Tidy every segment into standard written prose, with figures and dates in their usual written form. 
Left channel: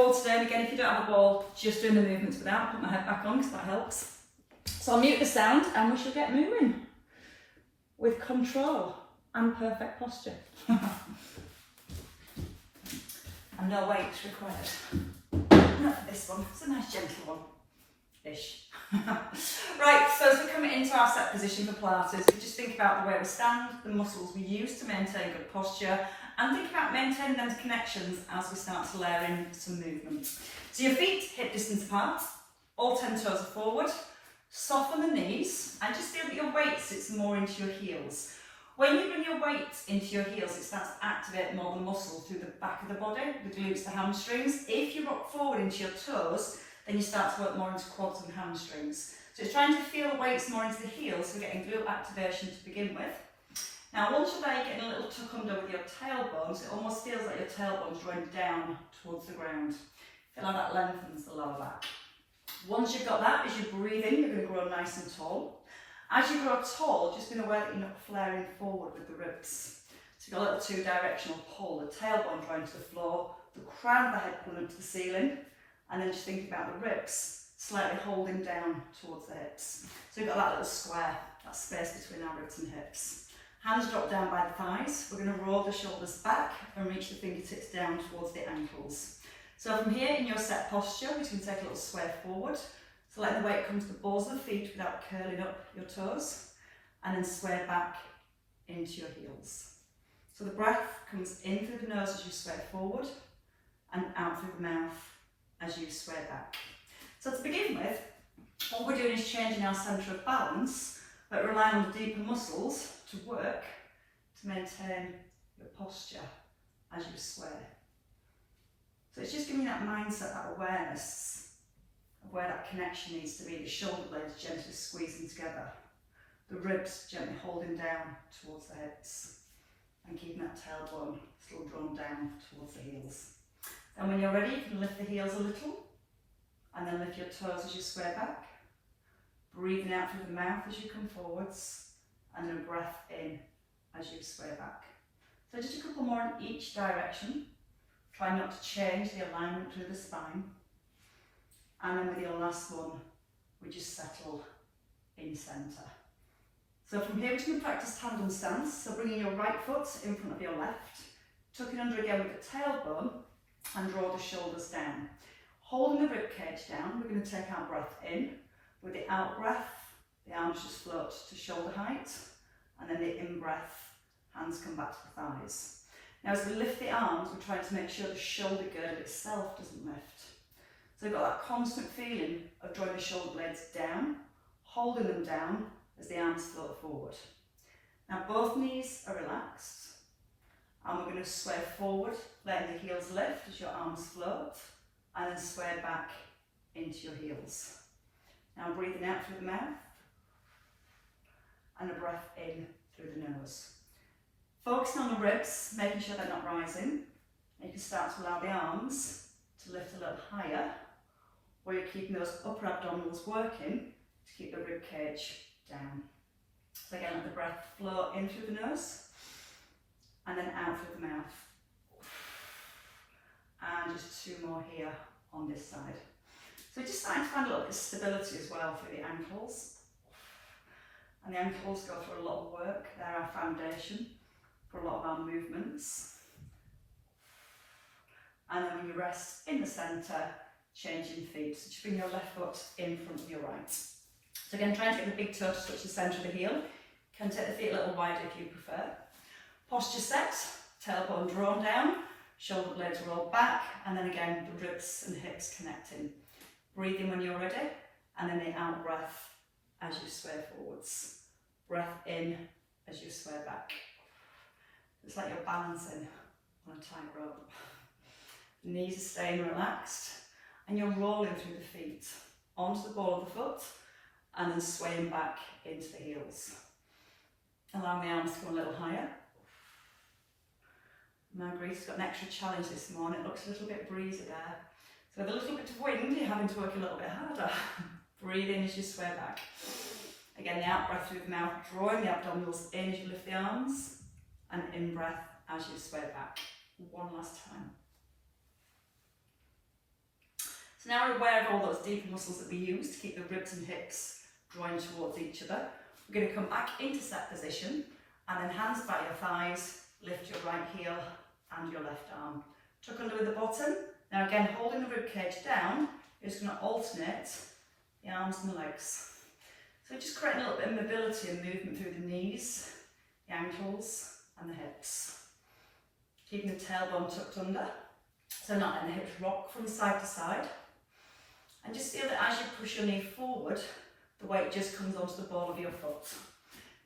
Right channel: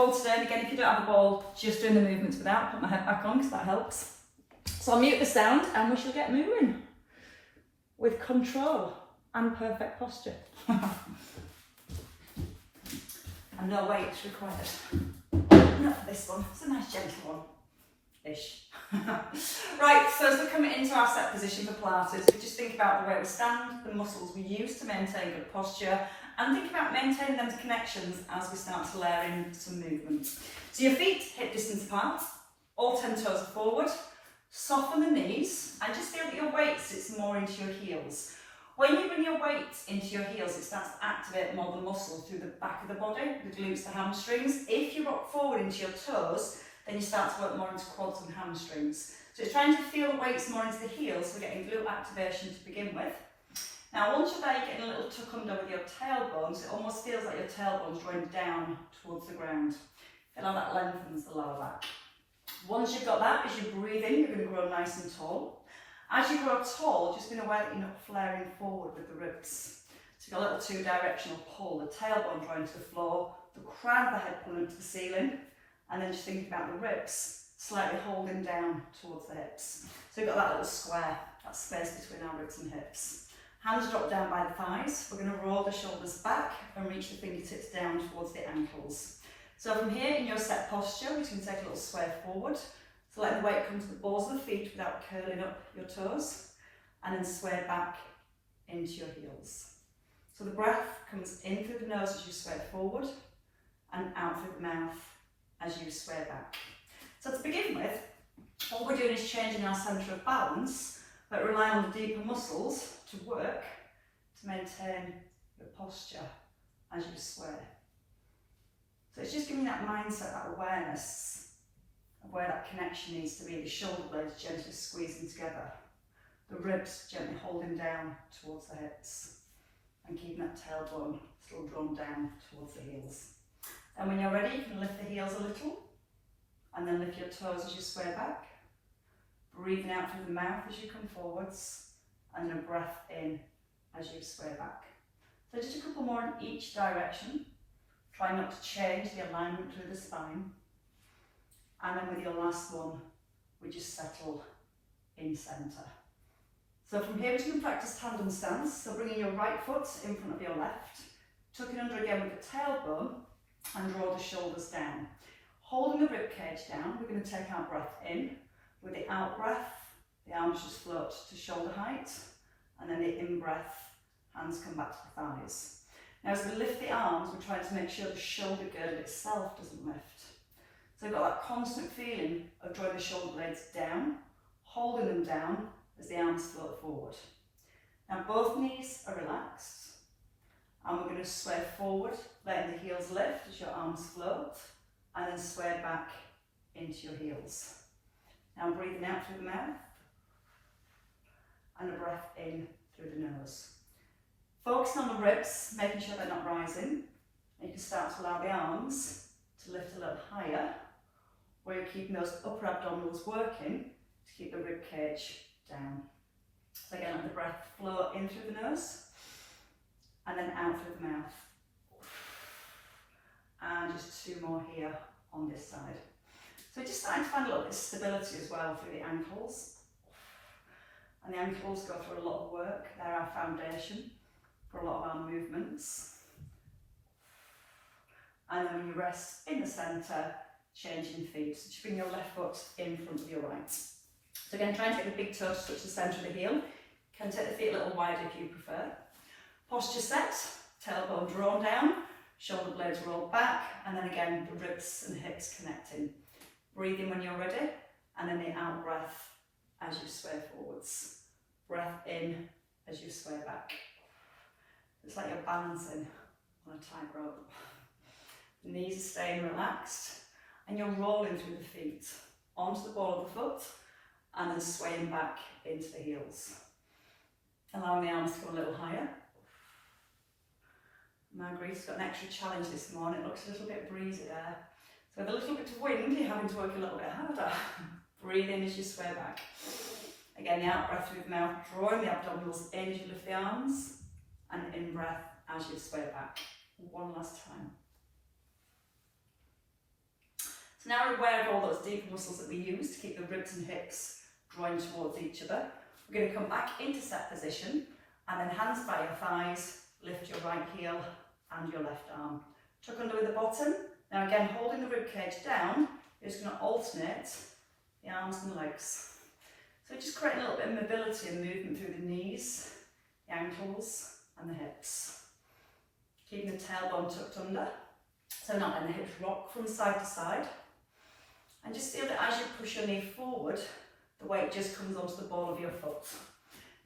ball today, and again, if you don't have a ball, just doing the movements without. Put my head back on because that helps. So I'll mute the sound and we shall get moving with control and perfect posture. And no weight required. Not for this one, it's a nice gentle one-ish. Right, so as we come into our set position for Pilates, we just think about the way we stand, the muscles we use to maintain good posture, and think about maintaining those connections as we start to layer in some movement. So your feet hip distance apart, all 10 toes are forward, soften the knees, and just feel that your weight sits more into your heels. When you bring your weight into your heels, it starts to activate more the muscle through the back of the body, the glutes, the hamstrings. If you rock forward into your toes, then you start to work more into quads and hamstrings. So it's trying to feel weights more into the heels, so we're getting glute activation to begin with. Now once you're there, getting a little tuck under with your tailbones, it almost feels like your tailbone's drawing down towards the ground. Feel how that lengthens the lower back. Once you've got that, as you breathe in, you're going to grow nice and tall. As you grow tall, just be aware that you're not flaring forward with the ribs. So you've got a little two-directional pull, the tailbone drawing to the floor, the crown of the head pulling up to the ceiling, and then just thinking about the ribs, slightly holding down towards the hips. So you've got that little square, that space between our ribs and hips. Hands drop down by the thighs. We're going to roll the shoulders back and reach the fingertips down towards the ankles. So from here, in your set posture, we're just going to take a little sway forward. So let the weight come to the balls of the feet without curling up your toes, and then sway back into your heels. So the breath comes in through the nose as you sway forward, and out through the mouth as you sway back. So to begin with, what we're doing is changing our centre of balance, but relying on the deeper muscles to work to maintain your posture as you sway. So it's just giving that mindset, that awareness of where that connection needs to be, the shoulder blades gently squeezing together, the ribs gently holding down towards the hips, and keeping that tailbone still drawn down towards the heels. And when you're ready, you can lift the heels a little, and then lift your toes as you sway back, breathing out through the mouth as you come forwards, and then a breath in as you sway back. So just a couple more in each direction. Try not to change the alignment through the spine. And then with your last one, we just settle in centre. So from here, we're going to practice tandem stance. So bringing your right foot in front of your left, tucking under again with the tailbone, and draw the shoulders down. Holding the rib cage down, we're going to take our breath in. With the out breath, the arms just float to shoulder height, and then the in breath, hands come back to the thighs. Now as we lift the arms, we're trying to make sure the shoulder girdle itself doesn't lift. So we've got that constant feeling of drawing the shoulder blades down, holding them down as the arms float forward. Now both knees are relaxed, and we're going to sway forward, letting the heels lift as your arms float, and then sway back into your heels. Now breathing out through the mouth, and a breath in through the nose. Focusing on the ribs, making sure they're not rising. And you can start to allow the arms to lift a little higher, where you're keeping those upper abdominals working to keep the rib cage down. So again, let the breath flow in through the nose, and then out through the mouth. And just two more here on this side. So just starting to find a little bit of stability as well through the ankles. And the ankles go through a lot of work. They're our foundation for a lot of our movements. And then when you rest in the centre, changing feet. So just bring your left foot in front of your right. So again, try and take the big toe to touch the centre of the heel. You can take the feet a little wider if you prefer. Posture set, tailbone drawn down, shoulder blades rolled back, and then again the ribs and hips connecting. Breathe in when you're ready, and then the out breath as you sway forwards. Breath in as you sway back. It's like you're balancing on a tightrope. The knees are staying relaxed, and you're rolling through the feet onto the ball of the foot, and then swaying back into the heels. Allowing the arms to go a little higher. Marguerite's got an extra challenge this morning. It looks a little bit breezy there. So with a little bit of wind, you're having to work a little bit harder. Breathe in as you sway back. Again, the out breath through the mouth, drawing the abdominals in as you lift the arms, and in breath as you sway back. One last time. So now we're aware of all those deeper muscles that we use to keep the ribs and hips drawing towards each other. We're going to come back into set position and then hands by your thighs, lift your right heel and your left arm. Tuck under with the bottom. Now again, holding the rib cage down, you're just going to alternate the arms and the legs. So just create a little bit of mobility and movement through the knees, the ankles and the hips. Keeping the tailbone tucked under, so not letting the hips rock from side to side. And just feel that as you push your knee forward, the weight just comes onto the ball of your foot.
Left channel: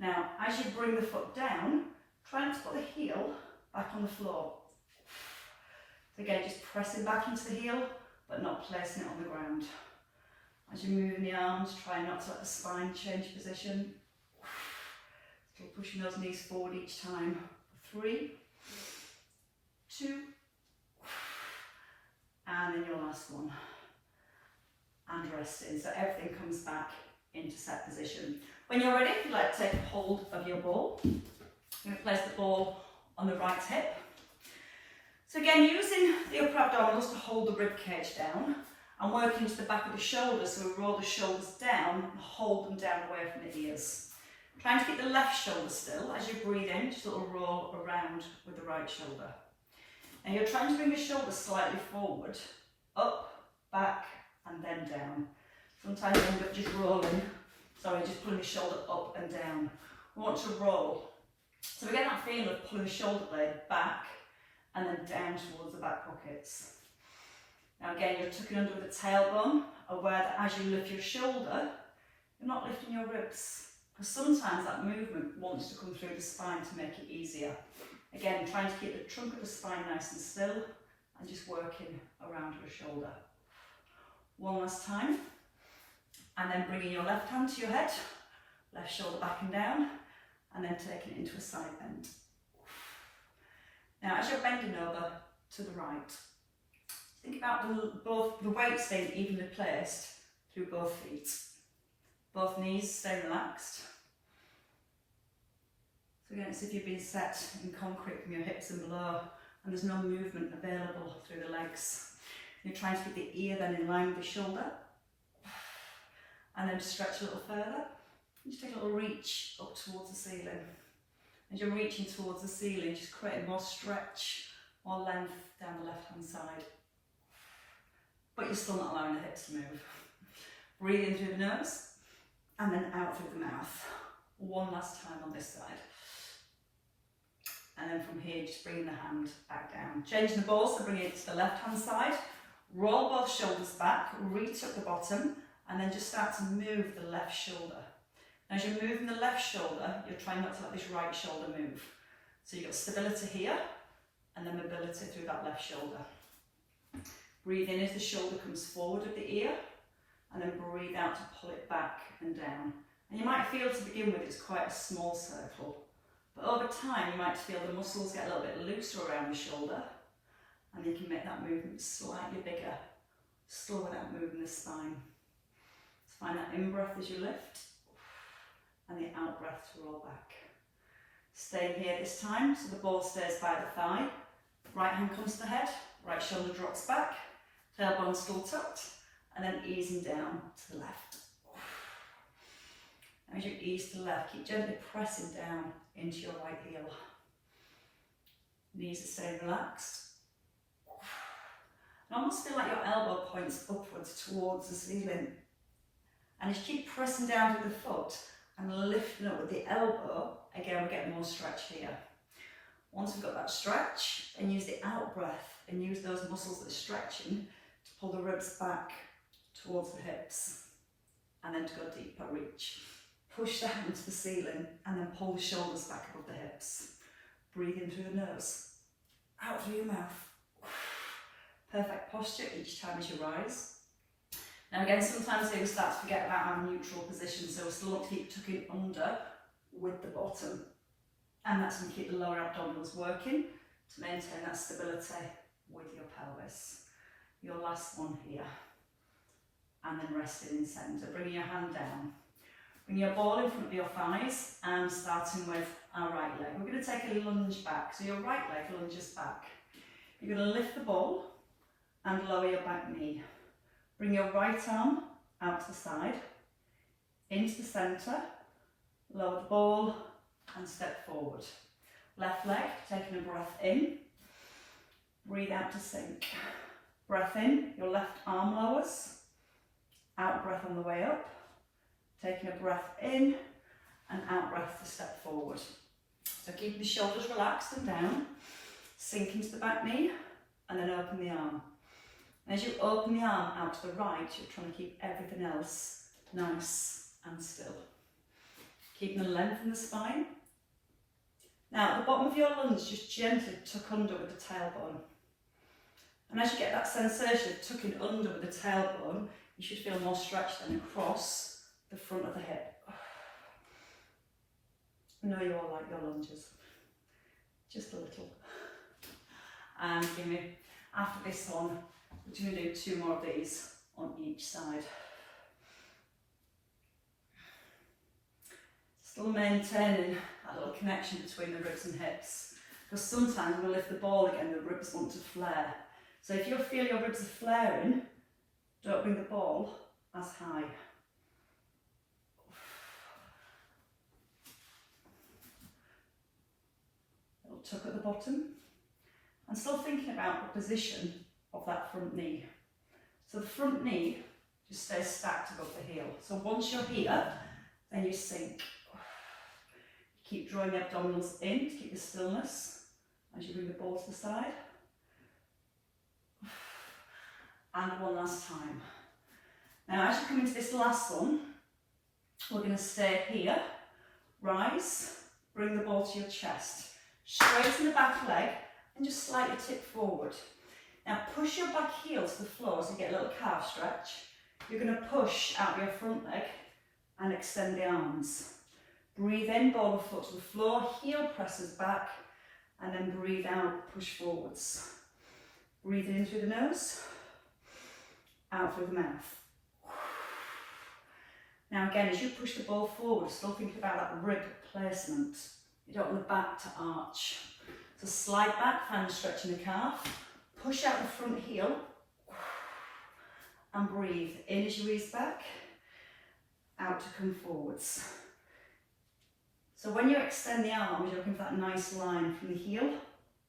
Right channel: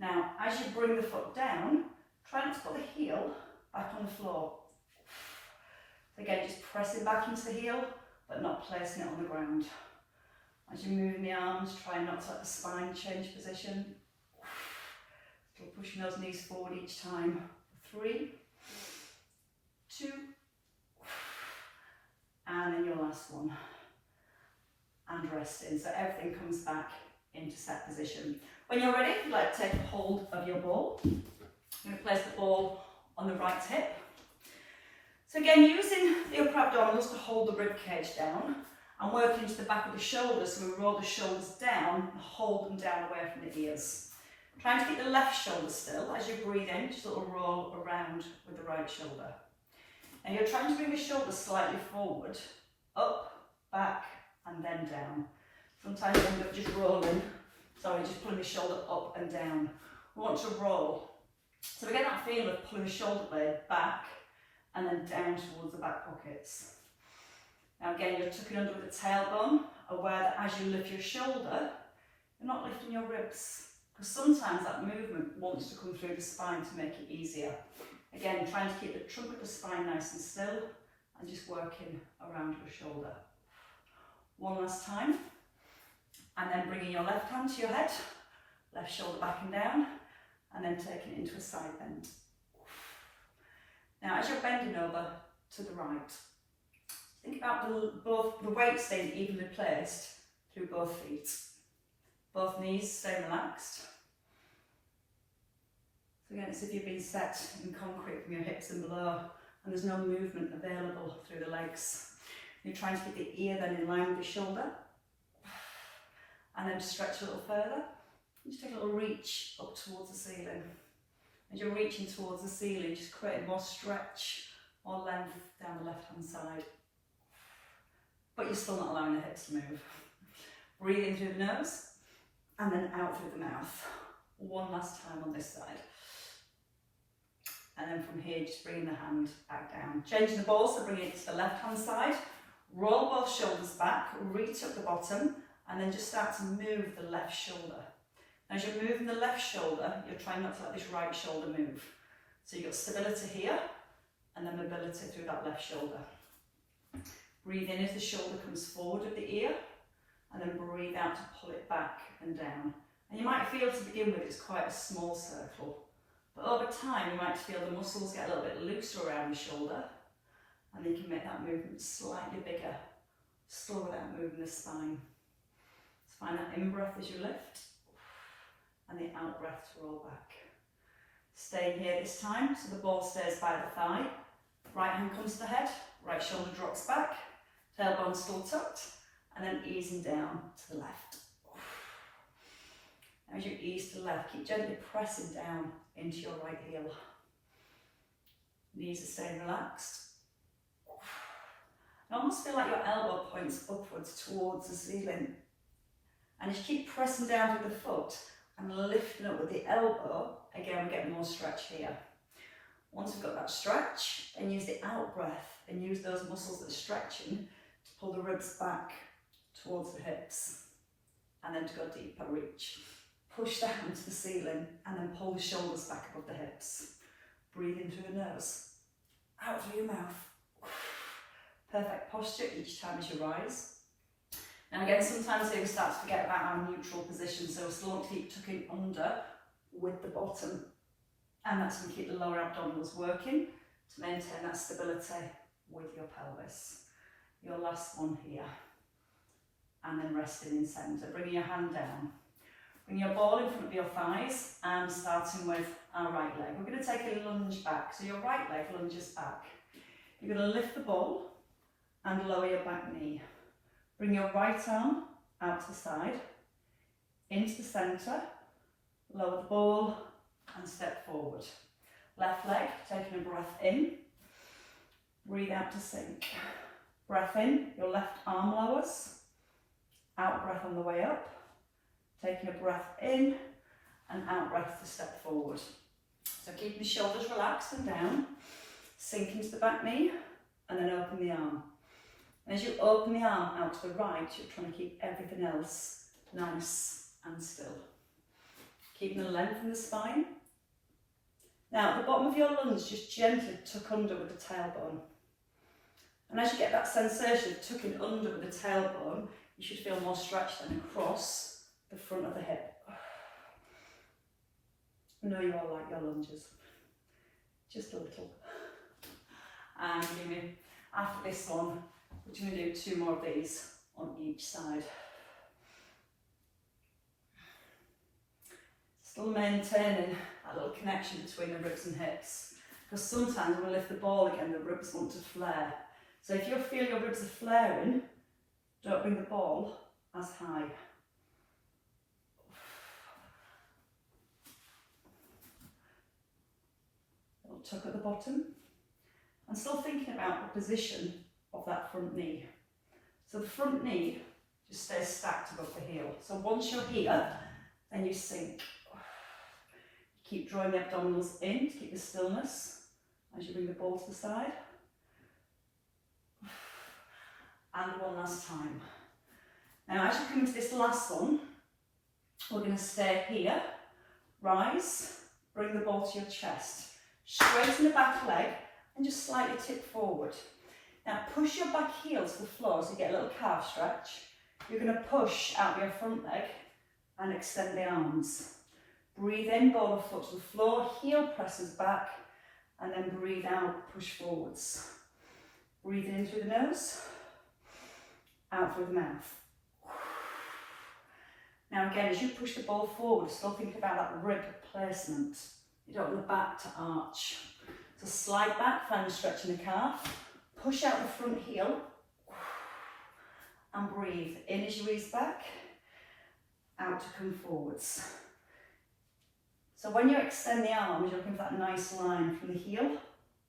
Now, as you bring the foot down, try not to put the heel back on the floor. So again, just pressing back into the heel, but not placing it on the ground. As you move the arms, try not to let the spine change position. Still pushing those knees forward each time. 3, 2, and then your last one. And resting, so everything comes back into set position. When you're ready, if you'd like to take hold of your ball, you're going to place the ball on the right hip. So again, using the upper abdominals to hold the rib cage down and work into the back of the shoulders, so we roll the shoulders down and hold them down away from the ears. Trying to keep the left shoulder still. As you breathe in, just a little roll around with the right shoulder. Now you're trying to bring the shoulders slightly forward, up, back, and then down. Sometimes you end up just rolling, just pulling the shoulder up and down. We want to roll. So we get that feeling of pulling the shoulder blade back and then down towards the back pockets. Now again, you're tucking under with the tailbone, aware that as you lift your shoulder, you're not lifting your ribs. Because sometimes that movement wants to come through the spine to make it easier. Again, trying to keep the trunk of the spine nice and still and just working around your shoulder. One last time, and then bringing your left hand to your head, left shoulder back and down, and then taking it into a side bend. Now as you're bending over to the right, think about the weight staying evenly placed through both feet. Both knees stay relaxed. So again, it's as if you've been set in concrete from your hips and below, and there's no movement available through the legs. You're trying to keep the ear then in line with the shoulder, and then to stretch a little further. Just take a little reach up towards the ceiling. As you're reaching towards the ceiling, just creating more stretch, more length down the left hand side. But you're still not allowing the hips to move. Breathe in through the nose, and then out through the mouth. One last time on this side. And then from here, just bringing the hand back down. Changing the ball, so bring it to the left hand side. Roll both shoulders back, reach up the bottom, and then just start to move the left shoulder. As you're moving the left shoulder, you're trying not to let this right shoulder move. So you've got stability here, and then mobility through that left shoulder. Breathe in as the shoulder comes forward of the ear, and then breathe out to pull it back and down. And you might feel to begin with it's quite a small circle, but over time you might feel the muscles get a little bit looser around the shoulder, and you can make that movement slightly bigger, still without moving the spine. So find that in-breath as you lift, and the out-breath to roll back. Staying here this time, so the ball stays by the thigh. Right hand comes to the head, right shoulder drops back, tailbone still tucked, and then easing down to the left. As you ease to the left, keep gently pressing down into your right heel. Knees are staying relaxed. And almost feel like your elbow points upwards towards the ceiling. And as you keep pressing down with the foot and lifting up with the elbow, again we're getting more stretch here. Once we've got that stretch, then use the out breath and use those muscles that are stretching to pull the ribs back towards the hips, and then to go deeper, reach. Push down to the ceiling and then pull the shoulders back above the hips. Breathe in through the nose, out through your mouth. Perfect posture each time as you rise. Now again, sometimes here we start to forget about our neutral position, so we still want to keep tucking under with the bottom. And that's going to keep the lower abdominals working to maintain that stability with your pelvis. Your last one here. And then resting in centre, bringing your hand down. Bring your ball in front of your thighs and starting with our right leg. We're going to take a lunge back. So your right leg lunges back. You're going to lift the ball and lower your back knee. Bring your right arm out to the side, into the centre, lower the ball and step forward. Left leg, taking a breath in, breathe out to sink. Breath in, your left arm lowers, out breath on the way up, taking a breath in and out breath to step forward. So keep the shoulders relaxed and down, sink into the back knee and then open the arm. As you open the arm out to the right, you're trying to keep everything else nice and still. Keeping the length in the spine. Now at the bottom of your lunge, just gently tuck under with the tailbone. And as you get that sensation of tucking under with the tailbone, you should feel more stretch then across the front of the hip. I know you all like your lunges, just a little. And after this one, we're going to do 2 more of these on each side. Still maintaining that little connection between the ribs and hips, because sometimes when we lift the ball again, the ribs want to flare. So if you feel your ribs are flaring, don't bring the ball as high. Little tuck at the bottom. And still thinking about the position of that front knee. So the front knee just stays stacked above the heel. So once you're here, then you sink. Keep drawing the abdominals in to keep the stillness as you bring the ball to the side. And one last time. Now as you come into this last one, we're going to stay here, rise, bring the ball to your chest, straighten the back leg and just slightly tip forward. Now push your back heel to the floor so you get a little calf stretch. You're going to push out your front leg and extend the arms. Breathe in, ball the foot to the floor, heel presses back and then breathe out, push forwards. Breathe in through the nose, out through the mouth. Now again, as you push the ball forward, still think about that rib placement. You don't want the back to arch. So slide back, find the stretch in the calf. Push out the front heel and breathe in as you ease back, out to come forwards. So when you extend the arms, you're looking for that nice line from the heel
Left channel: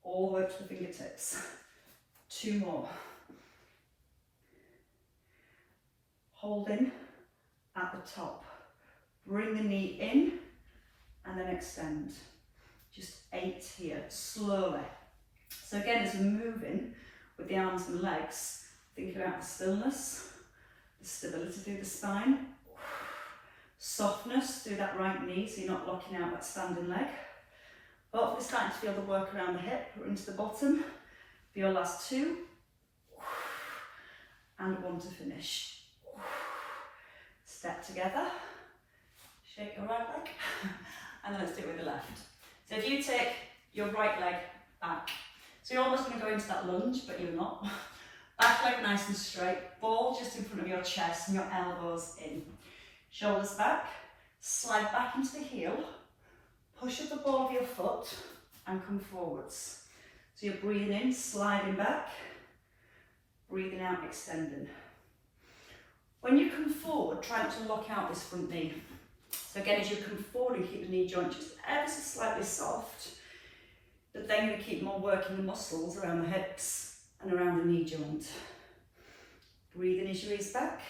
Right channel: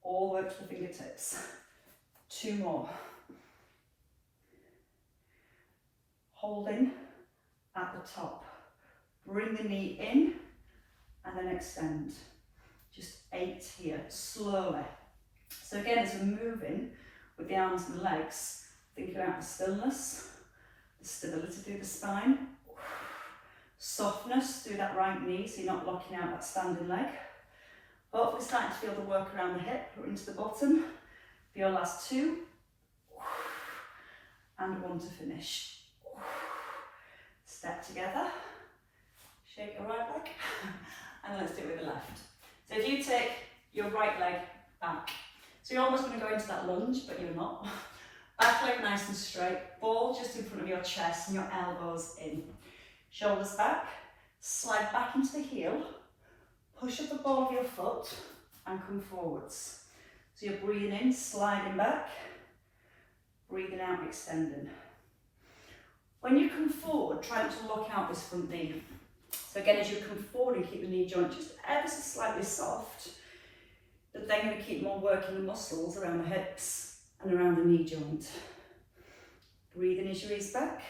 all the way to the fingertips. 2 more. Holding at the top. Bring the knee in and then extend. Just 8 here, slowly. So again, as we're moving with the arms and legs, think about the stillness, the stability through the spine, softness through that right knee so you're not locking out that standing leg. Hopefully starting to feel the work around the hip, or into the bottom. For your last 2, and 1 to finish. Step together, shake your right leg, and let's do it with the left. So if you take your right leg back, so you're almost going to go into that lunge, but you're not. Back leg nice and straight, ball just in front of your chest and your elbows in. Shoulders back, slide back into the heel, push up the ball of your foot and come forwards. So you're breathing in, sliding back, breathing out, extending. When you come forward, try not to lock out this front knee. So again, as you come forward and keep the knee joint just ever so slightly soft, but then you're going to keep on working the muscles around the hips and around the knee joint. Breathe in as you ease back,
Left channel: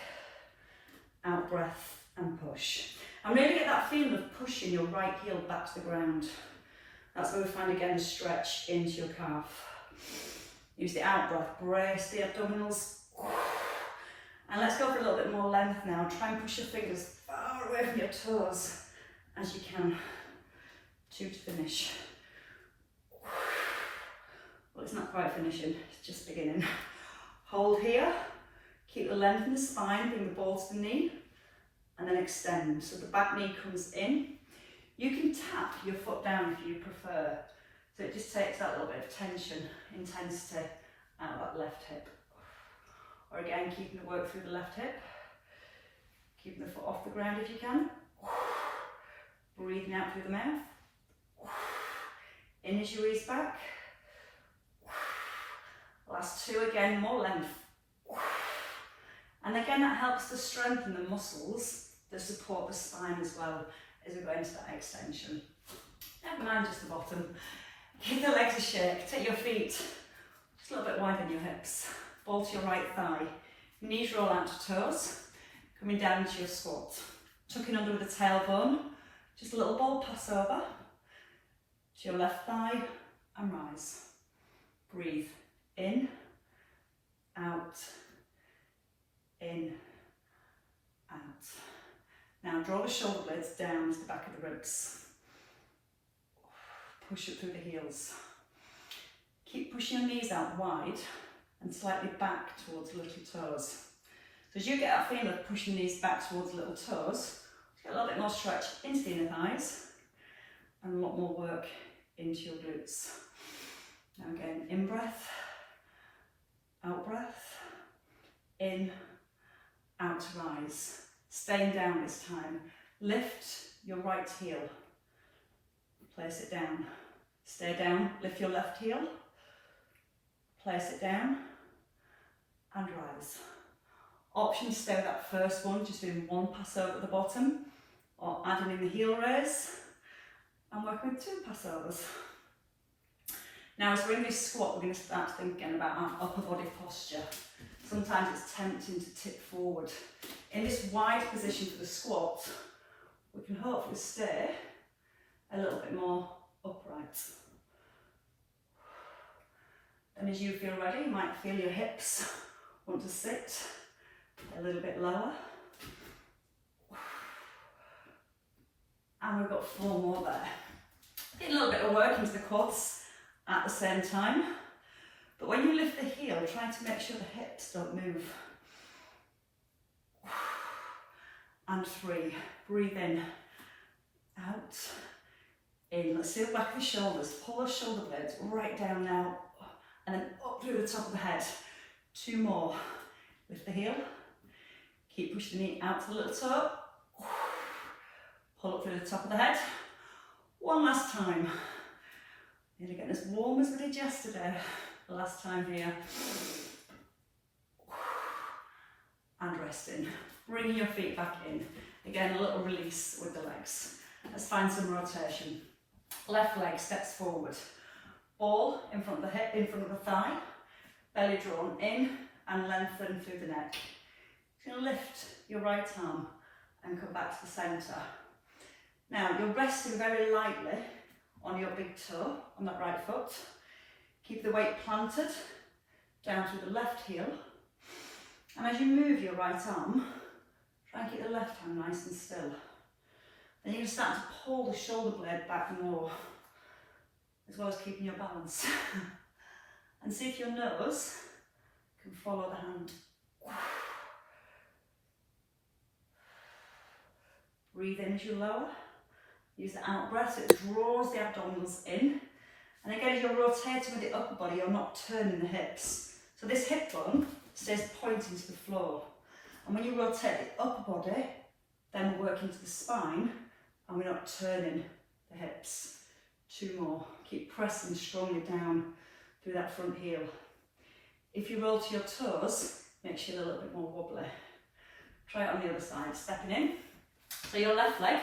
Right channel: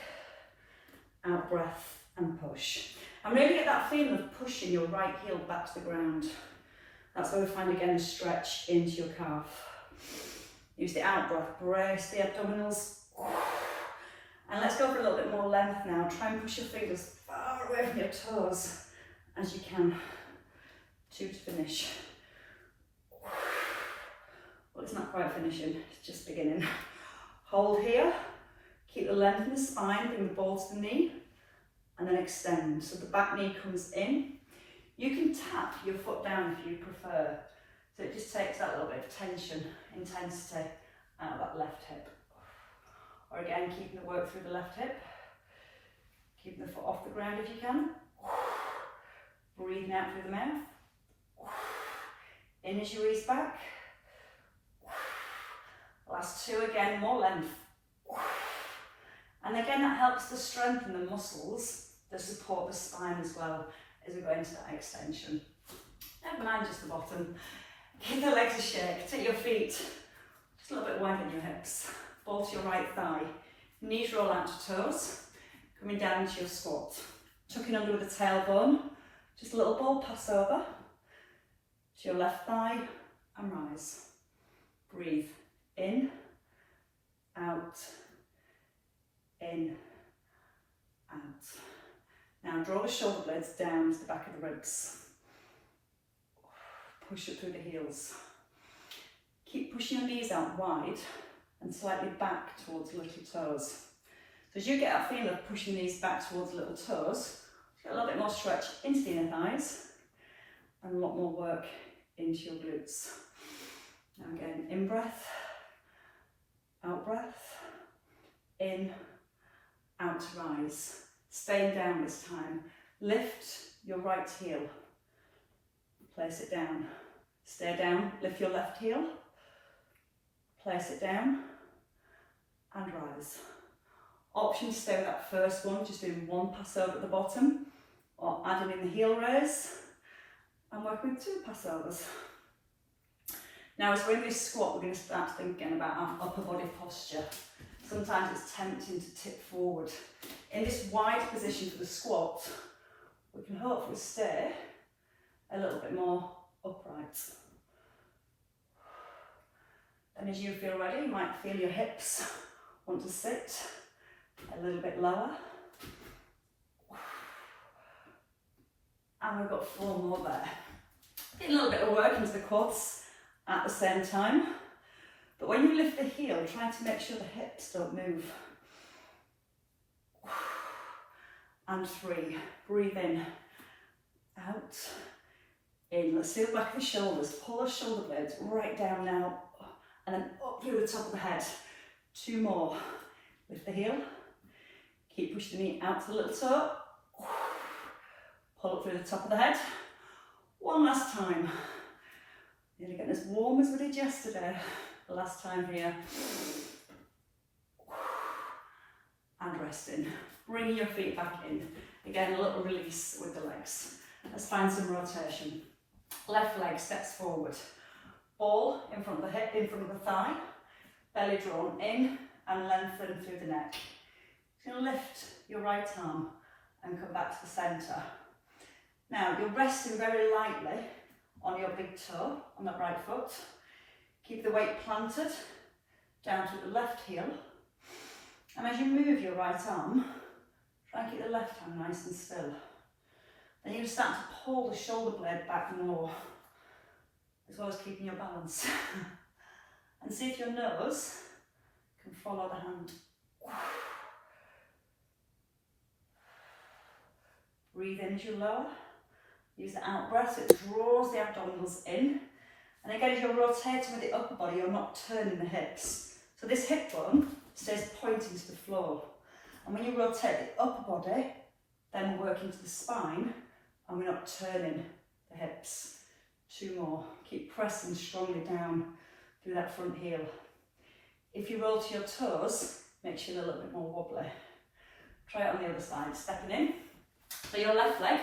out breath and push. And really get that feeling of pushing your right heel back to the ground. That's where we find again the stretch into your calf. Use the out breath, brace the abdominals. And let's go for a little bit more length now. Try and push your fingers far away from your toes as you can. 2 to finish. Well, it's not quite finishing, it's just beginning. Hold here, keep the length in the spine, bring the ball to the knee, and then extend. So the back knee comes in. You can tap your foot down if you prefer. So it just takes that little bit of tension, intensity out of that left hip. Or again, keeping the work through the left hip. Keeping the foot off the ground if you can. Breathing out through the mouth. In as you ease back. Last 2 again, more length. And again, that helps to strengthen the muscles that support the spine as well as we go into that extension. Never mind just the bottom. Give the legs a shake. Take your feet just a little bit wider than your hips. Ball to your right thigh. Knees roll out to toes. Coming down into your squat. Tucking under with the tailbone. Just a little ball pass over to your left thigh and rise. Breathe in, out, in, out. Now draw the shoulder blades down to the back of the ribs. Push up through the heels. Keep pushing your knees out wide and slightly back towards the little toes. So as you get that feeling of pushing these back towards the little toes, get a little bit more stretch into the inner thighs and a lot more work into your glutes. Now again, in breath, out breath, in, out to rise. Staying down this time. Lift your right heel. Place it down. Stay down, lift your left heel. Place it down and rise. Option to stay with that first one, just doing one pass over at the bottom, or adding in the heel raise and working with 2 passovers. Now as we're in this squat, we're going to start thinking about our upper body posture. Sometimes it's tempting to tip forward. In this wide position for the squat, we can hopefully stay a little bit more upright. And as you feel ready, you might feel your hips want to sit a little bit lower. And we've got 4 more there. Get a little bit of work into the quads at the same time. But when you lift the heel, try to make sure the hips don't move. And 3, breathe in, out, in. Let's do the back of the shoulders. Pull those shoulder blades right down now, and then up through the top of the head. 2 more. Lift the heel. Keep pushing the knee out to the little toe. Pull up through the top of the head. One last time. Nearly getting as warm as we did yesterday. The last time here. And resting. Bringing your feet back in. Again, a little release with the legs. Let's find some rotation. Left leg steps forward. Ball in front of the hip, in front of the thigh. Belly drawn in and lengthen through the neck. You're going to lift your right arm and come back to the centre. Now you're resting very lightly on your big toe, on that right foot. Keep the weight planted down through the left heel. And as you move your right arm, try and keep the left hand nice and still. Then you're going to start to pull the shoulder blade back more, as well as keeping your balance. And see if your nose can follow the hand. Breathe in as you lower. Use the out breath so it draws the abdominals in. And again, as you're rotating with the upper body, you're not turning the hips. So this hip bone stays pointing to the floor. And when you rotate the upper body, then we're working to the spine and we're not turning the hips. 2 more. Keep pressing strongly down through that front heel. If you roll to your toes, makes you a little bit more wobbly. Try it on the other side, stepping in. So your left leg,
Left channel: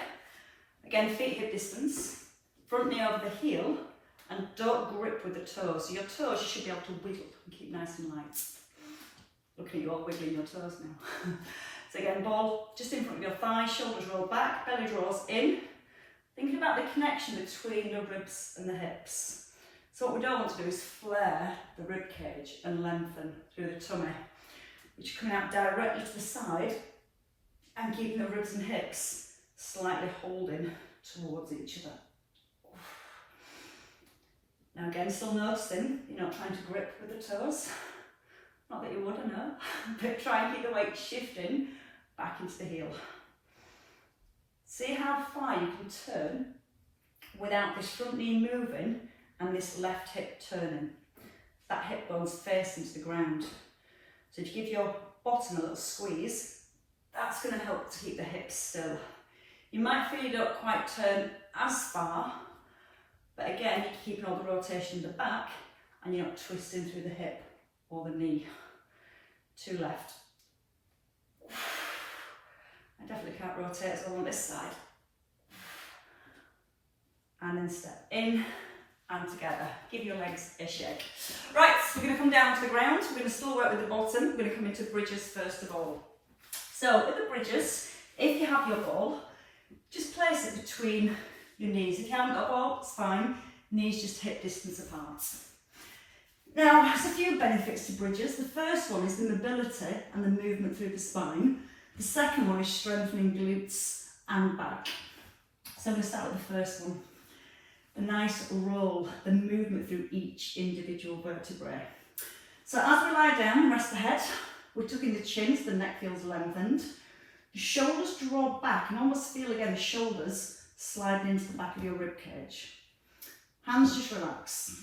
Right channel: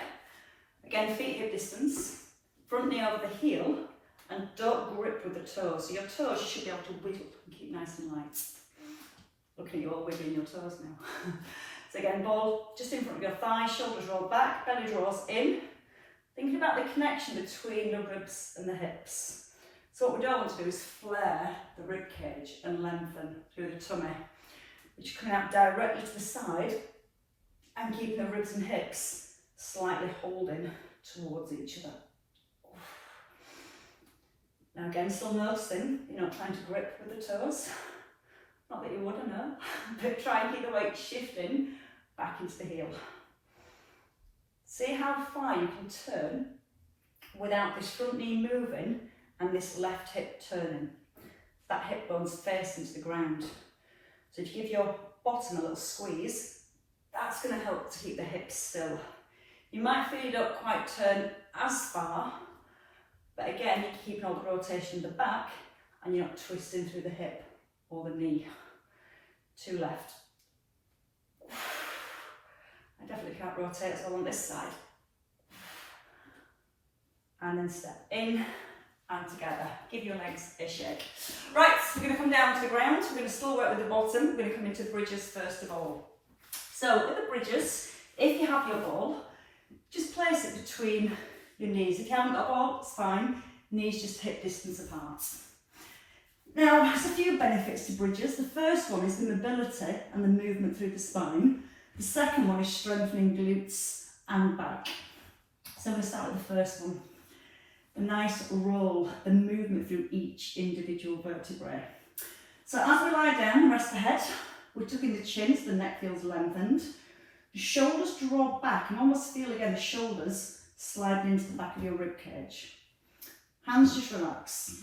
again feet hip distance, front knee over the heel, and don't grip with the toes. So your toes you should be able to wiggle and keep nice and light. Looking at you all wiggling your toes now. So again, ball just in front of your thighs, shoulders roll back, belly draws in. Thinking about the connection between the ribs and the hips. So what we don't want to do is flare the rib cage and lengthen through the tummy, which is coming out directly to the side and keeping the ribs and hips slightly holding towards each other. Now again, still noticing you're not trying to grip with the toes. Not that you would, I know, but try and keep the weight shifting back into the heel. See how far you can turn without this front knee moving and this left hip turning. That hip bone's facing to the ground. So if you give your bottom a little squeeze, that's going to help to keep the hips still. You might feel you don't quite turn as far, but again, you're keeping all the rotation in the back and you're not twisting through the hip or the knee. 2 left. I definitely can't rotate as well on this side. And then step in and together. Give your legs a shake. Right, so we're going to come down to the ground. We're going to still work with the bottom. We're going to come into bridges first of all. So with the bridges, if you have your ball, just place it between your knees. If you haven't got a ball, it's fine. Knees just hip distance apart. Now, there's a few benefits to bridges. The first one is the mobility and the movement through the spine. The second one is strengthening glutes and back. So I'm going to start with the first one. A nice roll, the movement through each individual vertebrae. So as we lie down, rest the head, we're tucking the chin so the neck feels lengthened. The shoulders draw back and almost feel again the shoulders sliding into the back of your rib cage. Hands just relax.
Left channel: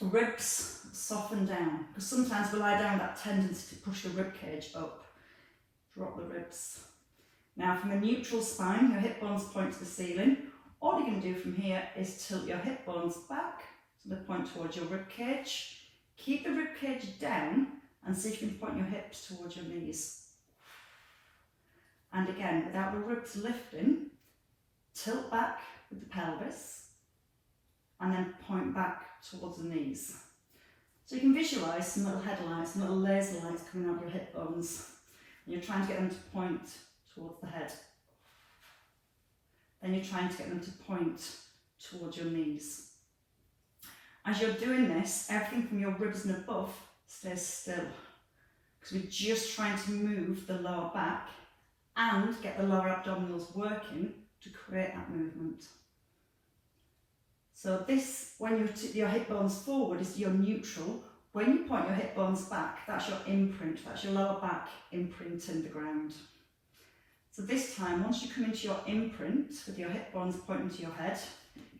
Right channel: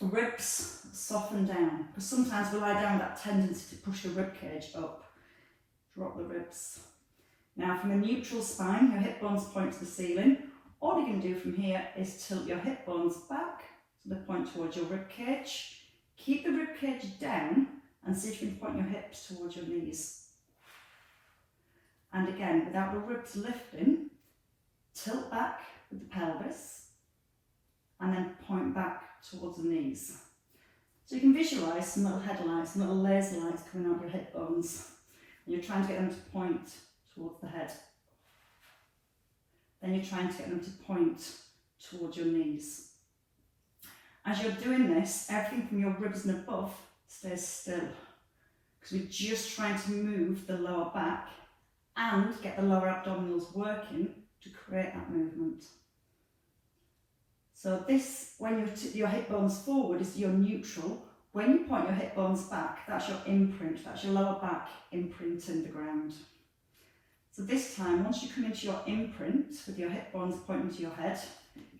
Ribs soften down, because sometimes we lie down with that tendency to push the rib cage up. Drop the ribs. Now from a neutral spine, your hip bones point to the ceiling. All you're going to do from here is tilt your hip bones back so they point towards your rib cage. Keep the rib cage down and see if you can point your hips towards your knees. And again, without the ribs lifting, tilt back with the pelvis and then point back towards the knees. So you can visualise some little headlights, some little laser lights coming out of your hip bones. And you're trying to get them to point towards the head. Then you're trying to get them to point towards your knees. As you're doing this, everything from your ribs and above stays still, because we're just trying to move the lower back and get the lower abdominals working to create that movement. So this, when you tip your hip bones forward, is your neutral. When you point your hip bones back, that's your imprint, that's your lower back imprinting the ground. So this time, once you come into your imprint with your hip bones pointing to your head,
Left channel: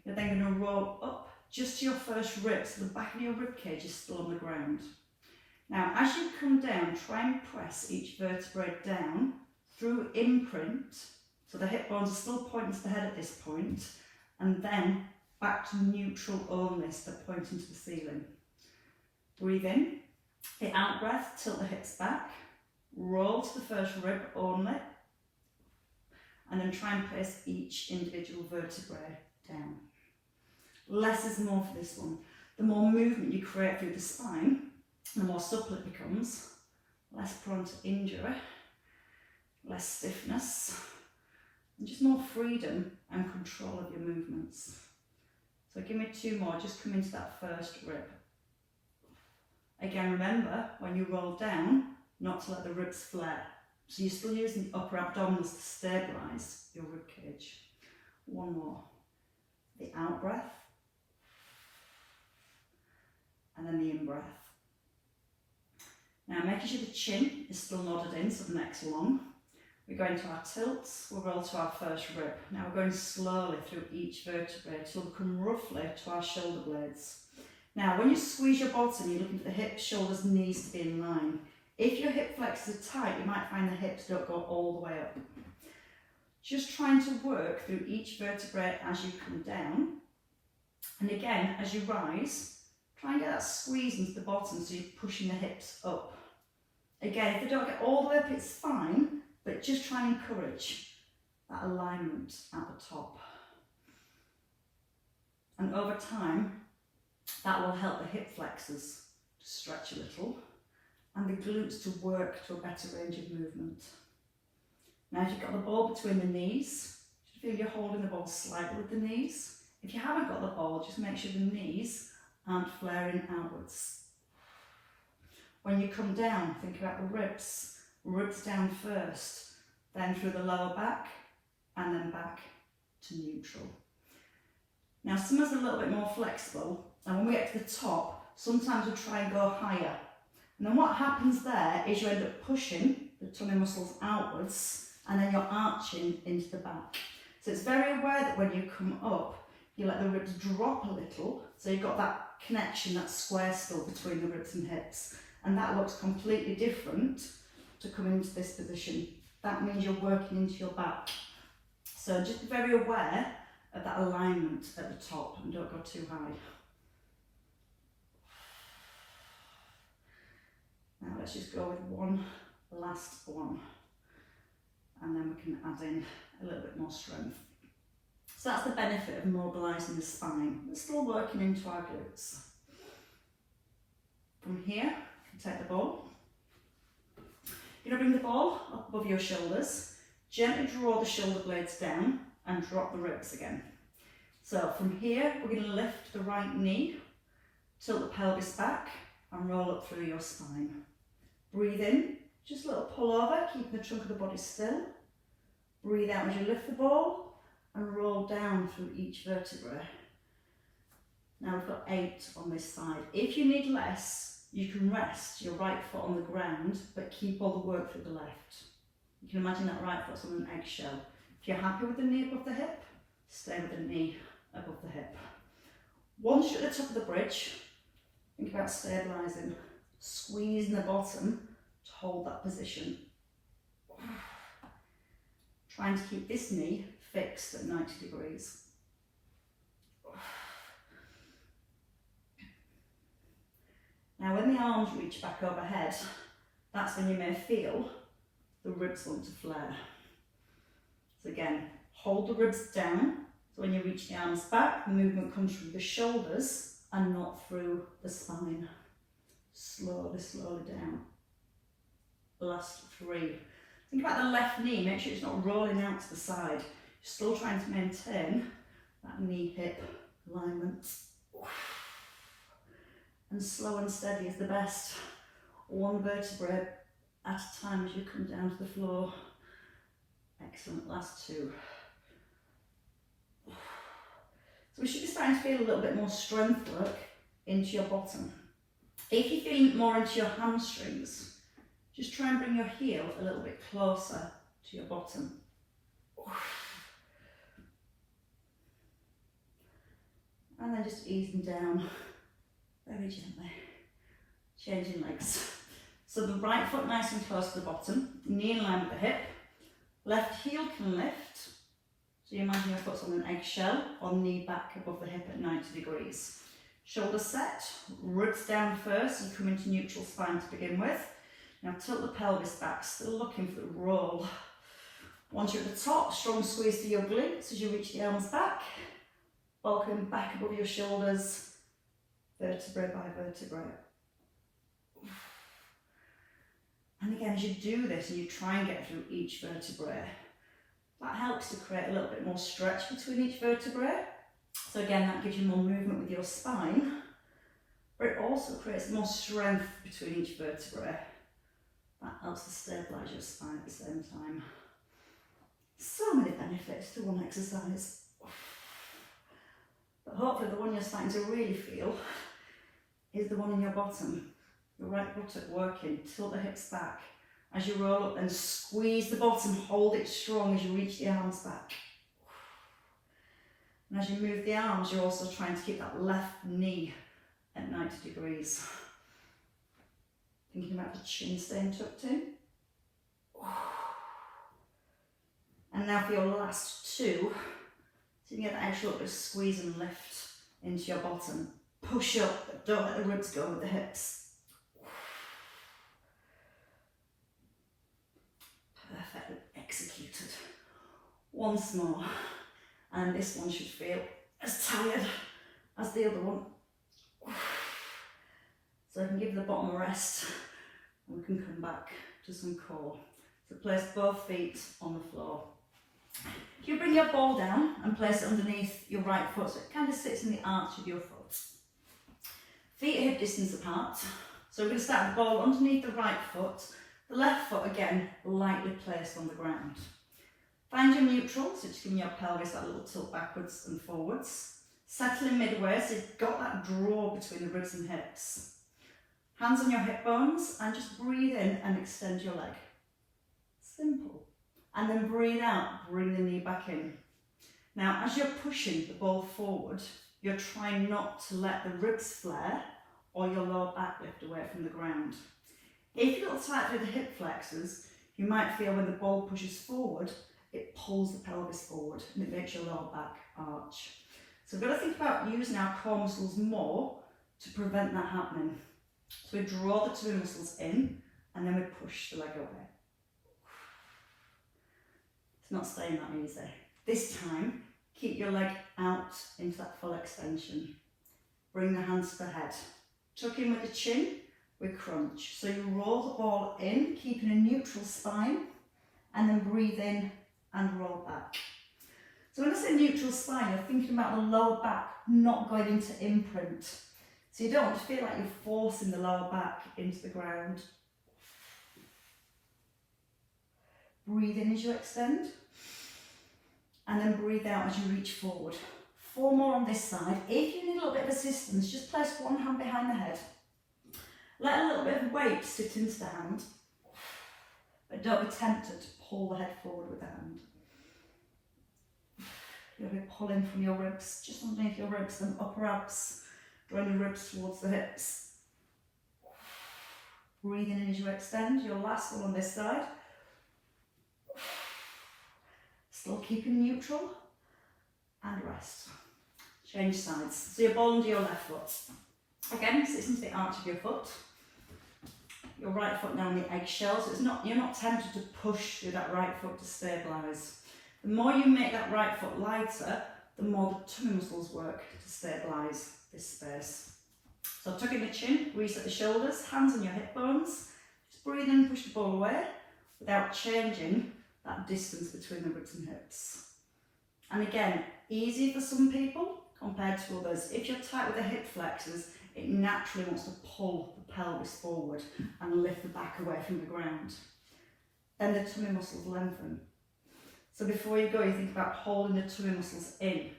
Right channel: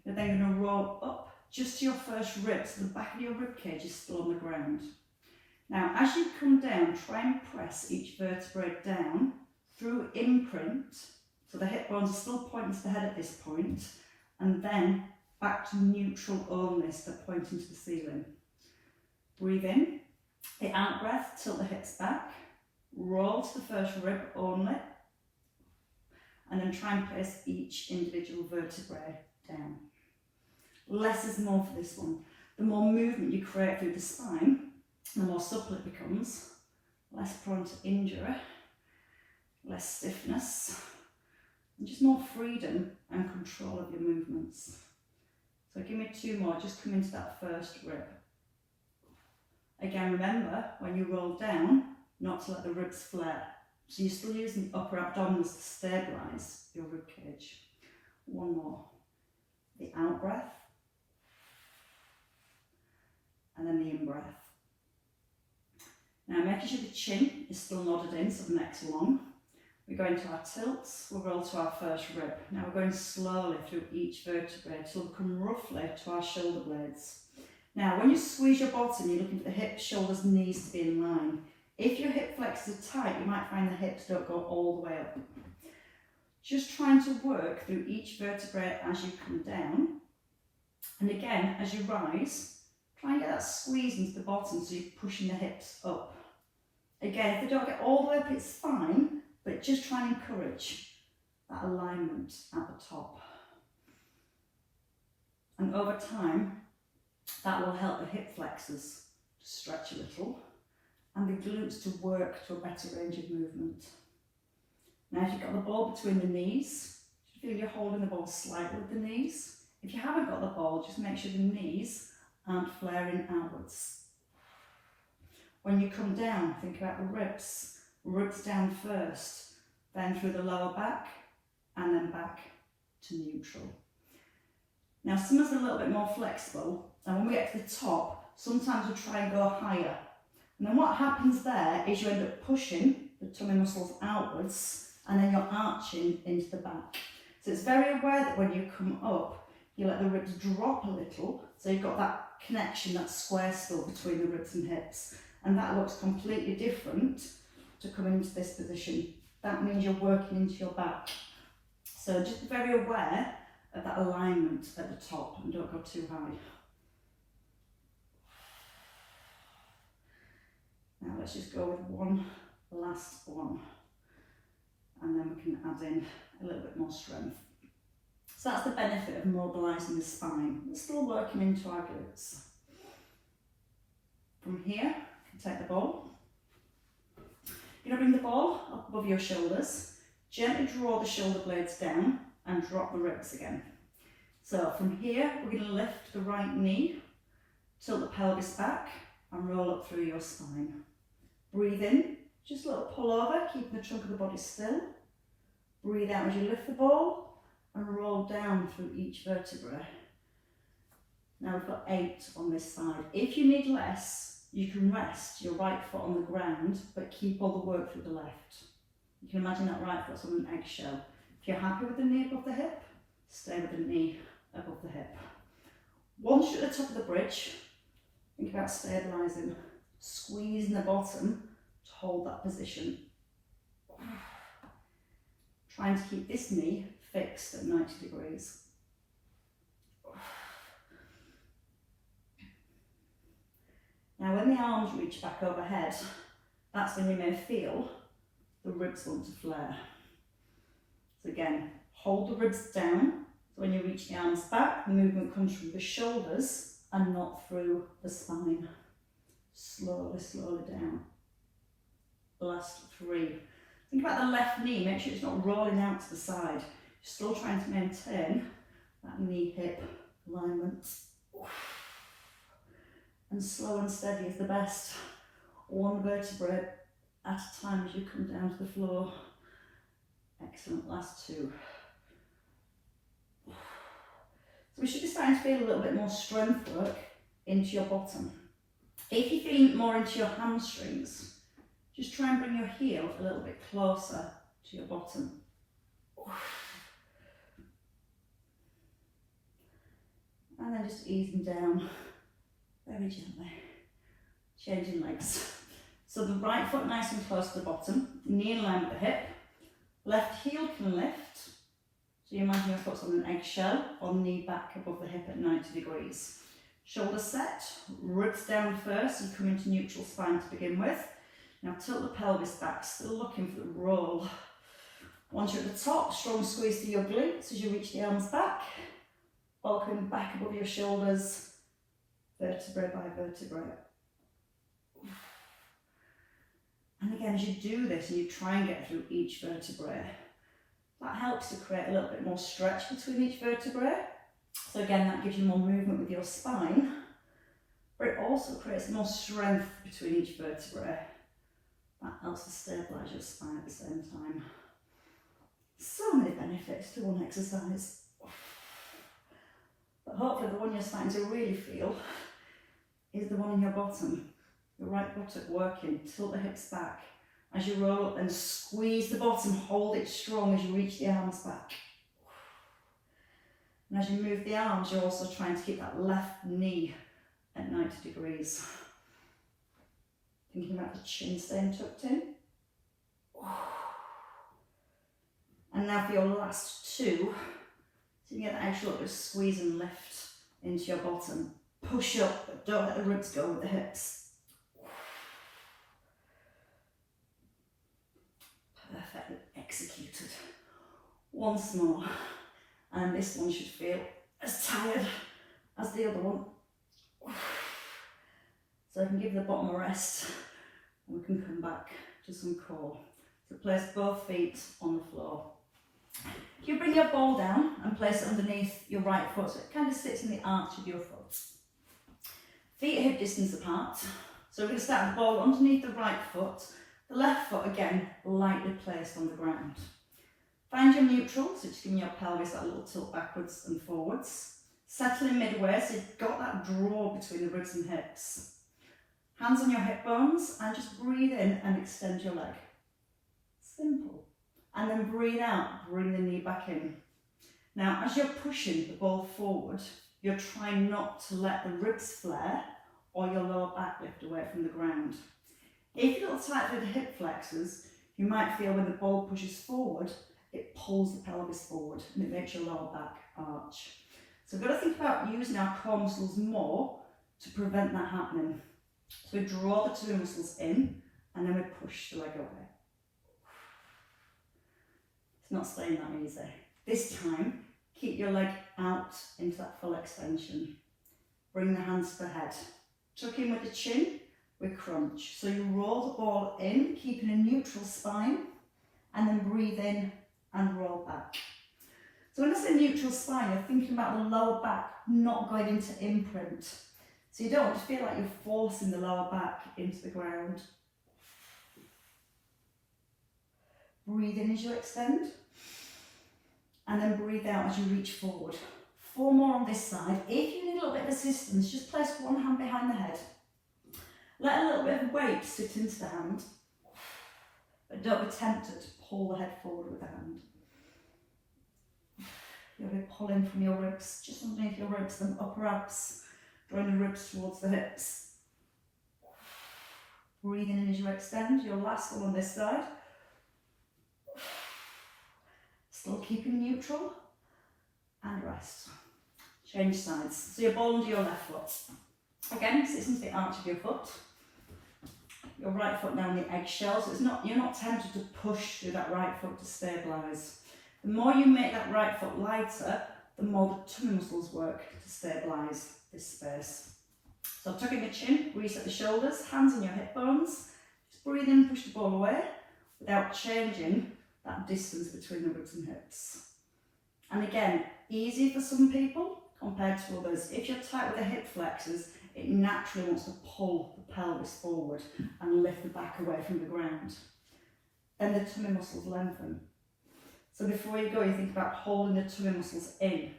you're then going to roll up just to your first rib, so the back of your rib cage is still on the ground. Now, as you come down, try and press each vertebrae down through imprint, so the hip bones are still pointing to the head at this point, and then back to neutral only, so they're pointing to the ceiling. Breathe in, the out breath, tilt the hips back, roll to the first rib only, and then try and place each individual vertebrae down. Less is more for this one. The more movement you create through the spine, the more supple it becomes, less prone to injury, less stiffness, and just more freedom and control of your movements. So give me two more, just come into that first rib. Again, remember, when you roll down, not to let the ribs flare. So you're still using the upper abdominals to stabilise your rib cage. One more. The out breath. And then the in breath. Now making sure the chin is still nodded in so the neck's long. We go into our tilts, we'll roll to our first rib. Now we're going slowly through each vertebrae till we come roughly to our shoulder blades. Now when you squeeze your bottom, you're looking for the hips, shoulders, knees to be in line. If your hip flexors are tight, you might find the hips don't go all the way up. Just trying to work through each vertebrae as you come down. And again, as you rise, try and get that squeeze into the bottom so you're pushing the hips up. Again, if they don't get all the way up, it's fine, but just try and encourage that alignment at the top. And over time, that will help the hip flexors to stretch a little and the glutes to work to a better range of movement. Now if you've got the ball between the knees, you feel you're holding the ball slightly with the knees. If you haven't got the ball, just make sure the knees aren't flaring outwards. When you come down, think about the ribs. Ribs down first, then through the lower back, and then back to neutral. Now summer's a little bit more flexible, and when we get to the top, sometimes we'll try and go higher. And then what happens there is you end up pushing the tummy muscles outwards, and then you're arching into the back. So it's very aware that when you come up, you let the ribs drop a little, so you've got that connection, that square still between the ribs and hips. And that looks completely different to come into this position. That means you're working into your back. So just be very aware of that alignment at the top and don't go too high. Now let's just go with one last one. And then we can add in a little bit more strength. So that's the benefit of mobilising the spine. We're still working into our glutes. From here, you can take the ball. You're going to bring the ball up above your shoulders. Gently draw the shoulder blades down and drop the ribs again. So from here, we're going to lift the right knee, tilt the pelvis back and roll up through your spine. Breathe in, just a little pull over, keeping the trunk of the body still. Breathe out as you lift the ball and roll down through each vertebrae. Now we've got 8 on this side. If you need less, you can rest your right foot on the ground, but keep all the work through the left. You can imagine that right foot's on an eggshell. If you're happy with the knee above the hip, stay with the knee above the hip. Once you're at the top of the bridge, think about stabilising, squeezing the bottom to hold that position. Trying to keep this knee fixed at 90 degrees. Now when the arms reach back overhead, that's when you may feel the ribs want to flare. So again, hold the ribs down. So when you reach the arms back, the movement comes from the shoulders and not through the spine. Slowly, slowly down. Last 3. Think about the left knee, make sure it's not rolling out to the side. You're still trying to maintain that knee-hip alignment. And slow and steady is the best. 1 vertebrae at a time as you come down to the floor. Excellent, last 2. So we should be starting to feel a little bit more strength work into your bottom. If you're feeling more into your hamstrings, just try and bring your heel a little bit closer to your bottom. And then just easing down very gently. Changing legs. So the right foot nice and close to the bottom, knee in line with the hip. Left heel can lift. So you imagine your foot's on an eggshell or knee back above the hip at 90 degrees. Shoulders set, ribs down first and come into neutral spine to begin with. Now tilt the pelvis back, still looking for the roll. Once you're at the top, strong squeeze through your glutes as you reach the arms back. Ball coming back above your shoulders, vertebrae by vertebrae. And again, as you do this and you try and get through each vertebrae, that helps to create a little bit more stretch between each vertebrae. So again, that gives you more movement with your spine, but it also creates more strength between each vertebrae. That helps to stabilise your spine at the same time. So many benefits to one exercise. But hopefully the one you're starting to really feel is the one in your bottom. Your right buttock working, tilt the hips back. As you roll up and squeeze the bottom, hold it strong as you reach the arms back. And as you move the arms, you're also trying to keep that left knee at 90 degrees. Thinking about the chin staying tucked in. And now for your last 2, so you get that extra little bit of squeeze and lift into your bottom. Push up, but don't let the ribs go with the hips. Perfectly executed. Once more. And this one should feel as tired as the other one. So I can give the bottom a rest and we can come back to some core. So place both feet on the floor. If you bring your ball down and place it underneath your right foot, so it kind of sits in the arch of your foot. Feet hip distance apart. So we're going to start the ball underneath the right foot. The left foot again lightly placed on the ground. Find your neutral, so just giving your pelvis that little tilt backwards and forwards. Settle in midway, so you've got that draw between the ribs and hips. Hands on your hip bones and just breathe in and extend your leg. Simple. And then breathe out, bring the knee back in. Now, as you're pushing the ball forward, you're trying not to let the ribs flare or your lower back lift away from the ground. If you look tight through the hip flexors, you might feel when the ball pushes forward, it pulls the pelvis forward and it makes your lower back arch. So we've got to think about using our core muscles more to prevent that happening. So we draw the 2 muscles in and then we push the leg away. It's not staying that easy. This time, keep your leg out into that full extension. Bring the hands to the head. Tuck in with the chin, we crunch. So you roll the ball in, keeping a neutral spine, and then breathe in and roll back. So when I say neutral spine, you're thinking about the lower back not going into imprint. So you don't want to feel like you're forcing the lower back into the ground. Breathe in as you extend, and then breathe out as you reach forward. 4 more on this side. If you need a little bit of assistance, just place one hand behind the head. Let a little bit of weight sit into the hand, but don't be tempted to pull the head forward with the hand. You'll be pulling from your ribs, just underneath your ribs, and upper abs, drawing the ribs towards the hips. Breathe in as you extend. Your last one on this side. Still keeping neutral, and rest. Change sides. So your ball under your left foot. Again, sits into the arch of your foot. Your right foot down the eggshell, so you're not tempted to push through that right foot to stabilise. The more you make that right foot lighter, the more the tummy muscles work to stabilise this space. So tuck in the chin, reset the shoulders, hands on your hip bones. Just breathe in, push the ball away without changing that distance between the ribs and hips. And again, easier for some people compared to others. If you're tight with the hip flexors, it naturally wants to pull the pelvis forward and lift the back away from the ground. Then the tummy muscles lengthen. So before you go, you think about holding the tummy muscles in,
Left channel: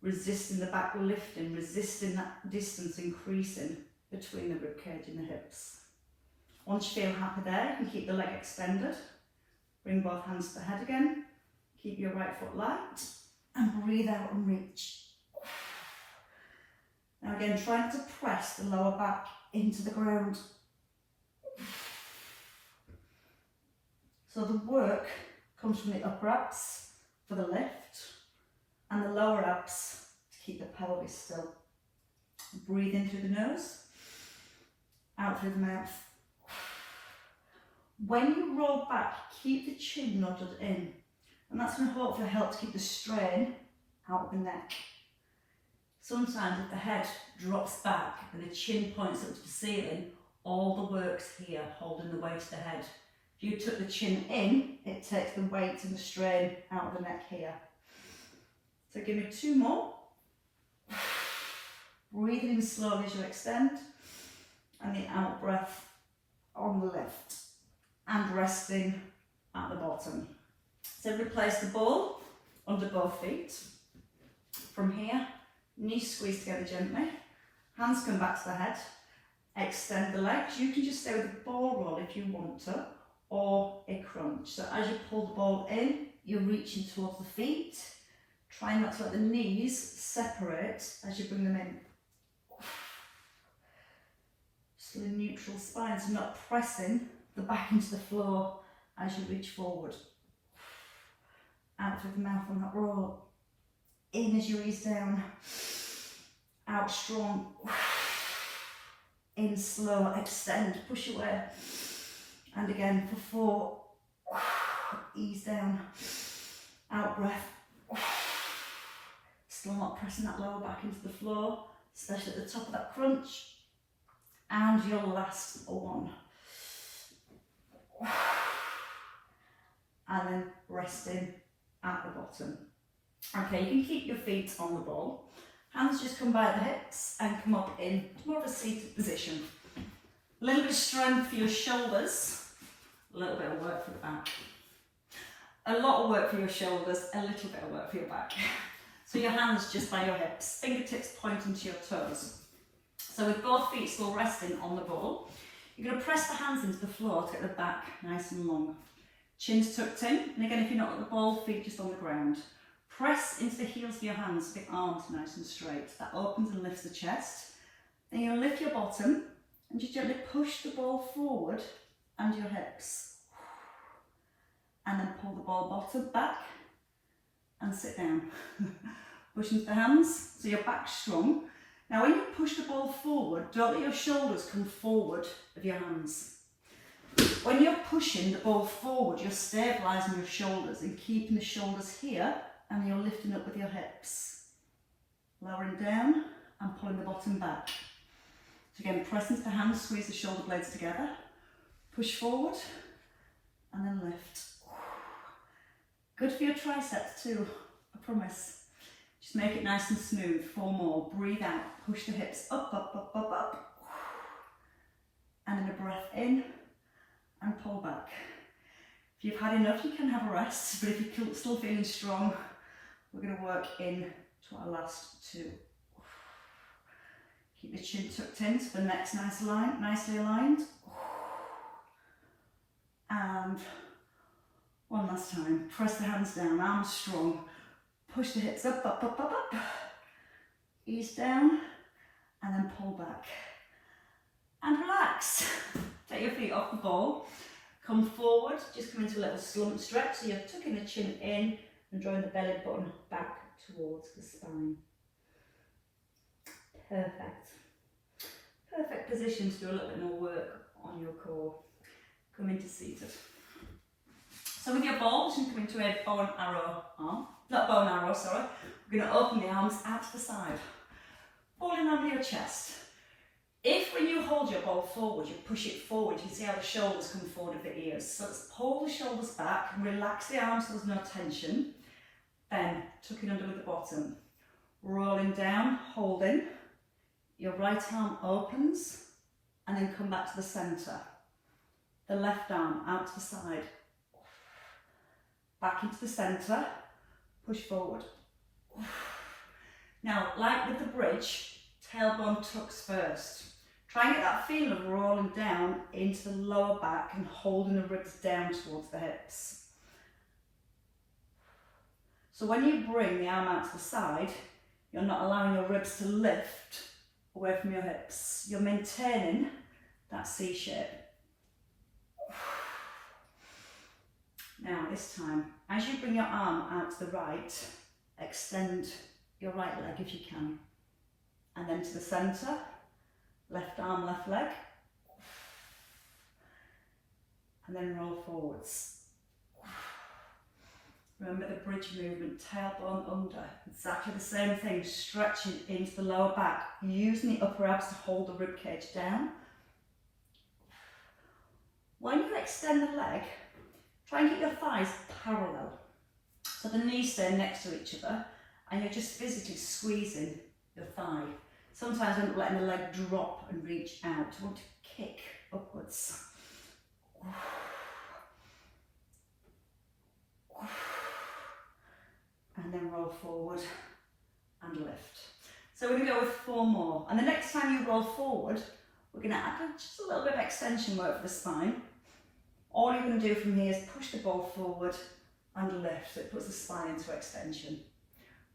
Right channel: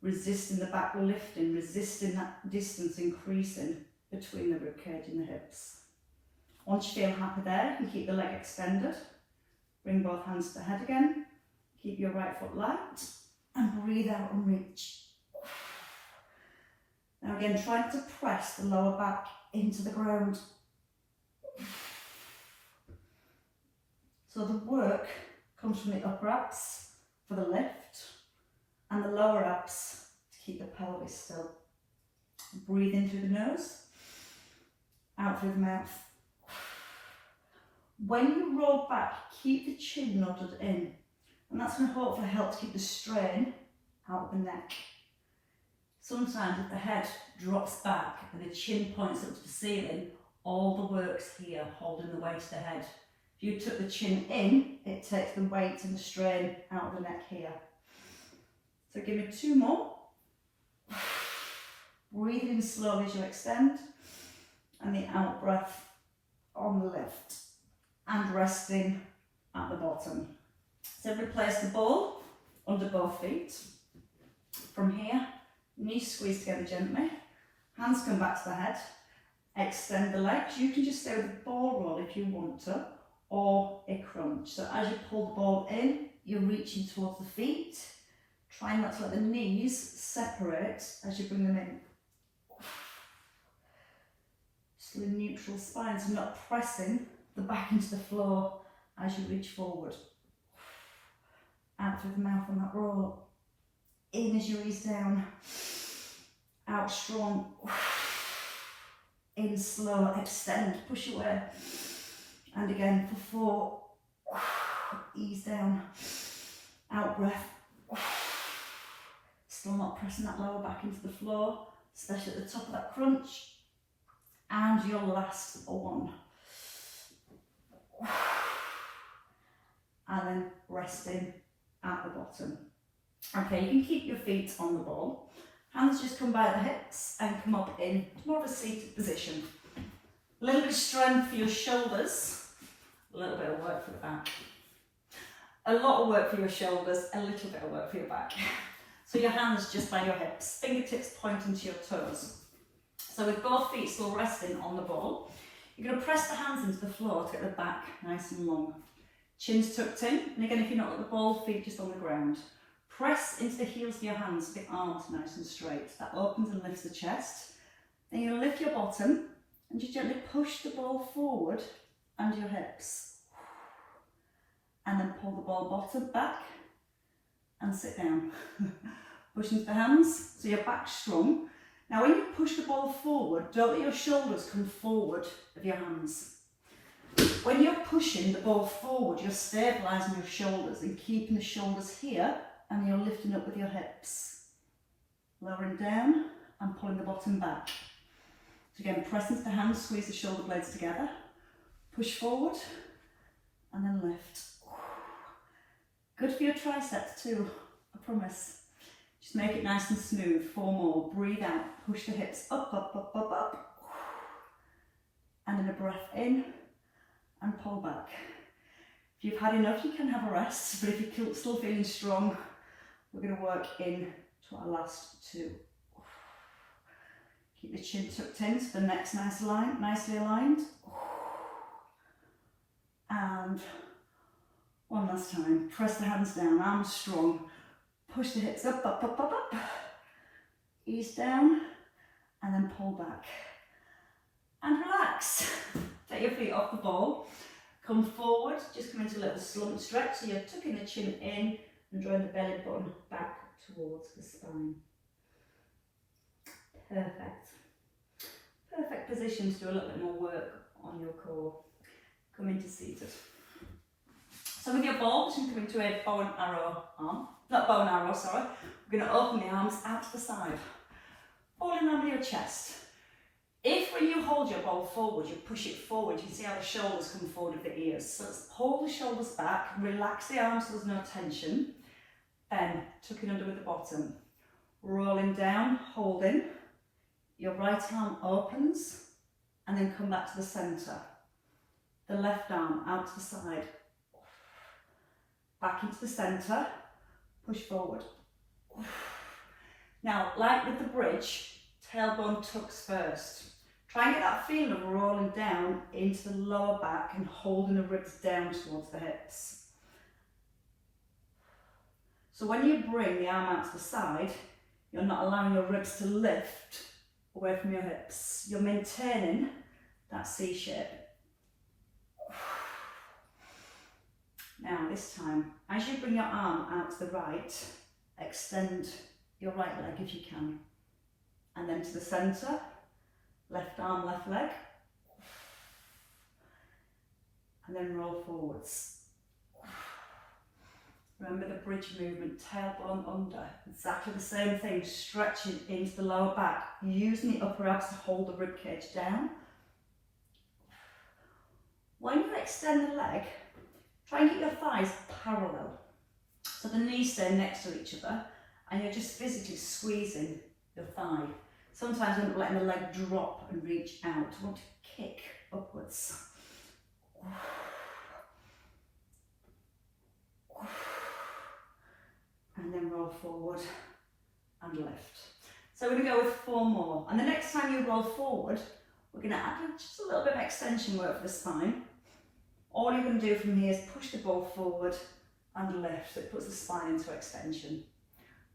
resisting the back lifting, resisting that distance increasing between the ribcage and the hips. Once you feel happy there, you can keep the leg extended. Bring both hands to the head again. Keep your right foot light and breathe out and reach. Now again, try not to press the lower back into the ground. So the work comes from the upper abs for the lift and the lower abs to keep the pelvis still. Breathe in through the nose, out through the mouth. When you roll back, keep the chin nodded in, and that's going to hopefully help to keep the strain out of the neck. Sometimes if the head drops back and the chin points up to the ceiling, all the work's here, holding the weight of the head. If you tuck the chin in, it takes the weight and the strain out of the neck here. So give me 2 more. Breathe in slowly as you extend, and the out breath on the lift, and resting at the bottom. So replace the ball under both feet. From here, knees squeeze together gently, hands come back to the head, extend the legs. You can just stay with the ball roll if you want to, or a crunch. So as you pull the ball in, you're reaching towards the feet, trying not to let the knees separate as you bring them in. Just a neutral spine, so not pressing the back into the floor as you reach forward. Out through the mouth on that roll. In as you ease down. Out strong. In slow, extend, push away. And again for 4. Ease down. Out breath. Still not pressing that lower back into the floor, especially at the top of that crunch. And your last one. And then resting at the bottom. Okay, you can keep your feet on the ball. Hands just come by the hips and come up in more of a seated position. A little bit of strength for your shoulders, a little bit of work for the back. A lot of work for your shoulders, a little bit of work for your back. So your hands just by your hips, fingertips pointing to your toes. So with both feet still resting on the ball, you're going to press the hands into the floor to get the back nice and long. Chin's tucked in, and again if you're not got the ball, feet just on the ground. Press into the heels of your hands, the arms nice and straight. That opens and lifts the chest. Then you'll lift your bottom and just gently push the ball forward under your hips. And then pull the ball bottom back and sit down. Push into the hands, so your back's strong. Now when you push the ball forward, don't let your shoulders come forward of your hands. When you're pushing the ball forward, you're stabilising your shoulders and keeping the shoulders here, and you're lifting up with your hips. Lowering down and pulling the bottom back. So again, press into the hands, squeeze the shoulder blades together, push forward, and then lift. Good for your triceps too, I promise. Just make it nice and smooth. 4 more. Breathe out, push the hips up, up, up, up, up. And then a breath in and pull back. If you've had enough, you can have a rest, but if you're still feeling strong, we're going to work in to our last 2. Keep the chin tucked in so the neck's nicely aligned. And one last time, press the hands down, arms strong. Push the hips up, up, up, up, up. Ease down and then pull back. And relax. Take your feet off the ball. Come forward, just come into a little slump stretch. So you're tucking the chin in and drawing the belly button back towards the spine. Perfect. Perfect position to do a little bit more work on your core. Come into seated. So with your ball, just come into a bow and arrow arm. Not bow and arrow, sorry. We're going to open the arms out to the side. Falling under your chest. If when you hold your ball forward, you push it forward, you can see how the shoulders come forward of the ears. So let's hold the shoulders back, relax the arms so there's no tension. Then tuck it under with the bottom. Rolling down, holding. Your right arm opens and then come back to the centre. The left arm out to the side. Back into the centre, push forward. Now, like with the bridge, tailbone tucks first. Try and get that feeling of rolling down into the lower back and holding the ribs down towards the hips. So when you bring the arm out to the side, you're not allowing your ribs to lift away from your hips. You're maintaining that C shape. Now this time, as you bring your arm out to the right, extend your right leg if you can. And then to the centre, left arm, left leg. And then roll forwards. Remember the bridge movement, tailbone under. Exactly the same thing, stretching into the lower back, using the upper abs to hold the rib cage down. When you extend the leg, try and keep your thighs parallel. So the knees stay next to each other and you're just physically squeezing your thigh. Sometimes I'm letting the leg drop and reach out. I want to kick upwards. And then roll forward and lift. So we're going to go with 4 more. And the next time you roll forward, we're going to add just a little bit of extension work for the spine. All you're going to do from here is push the ball forward and lift. It puts the spine into extension.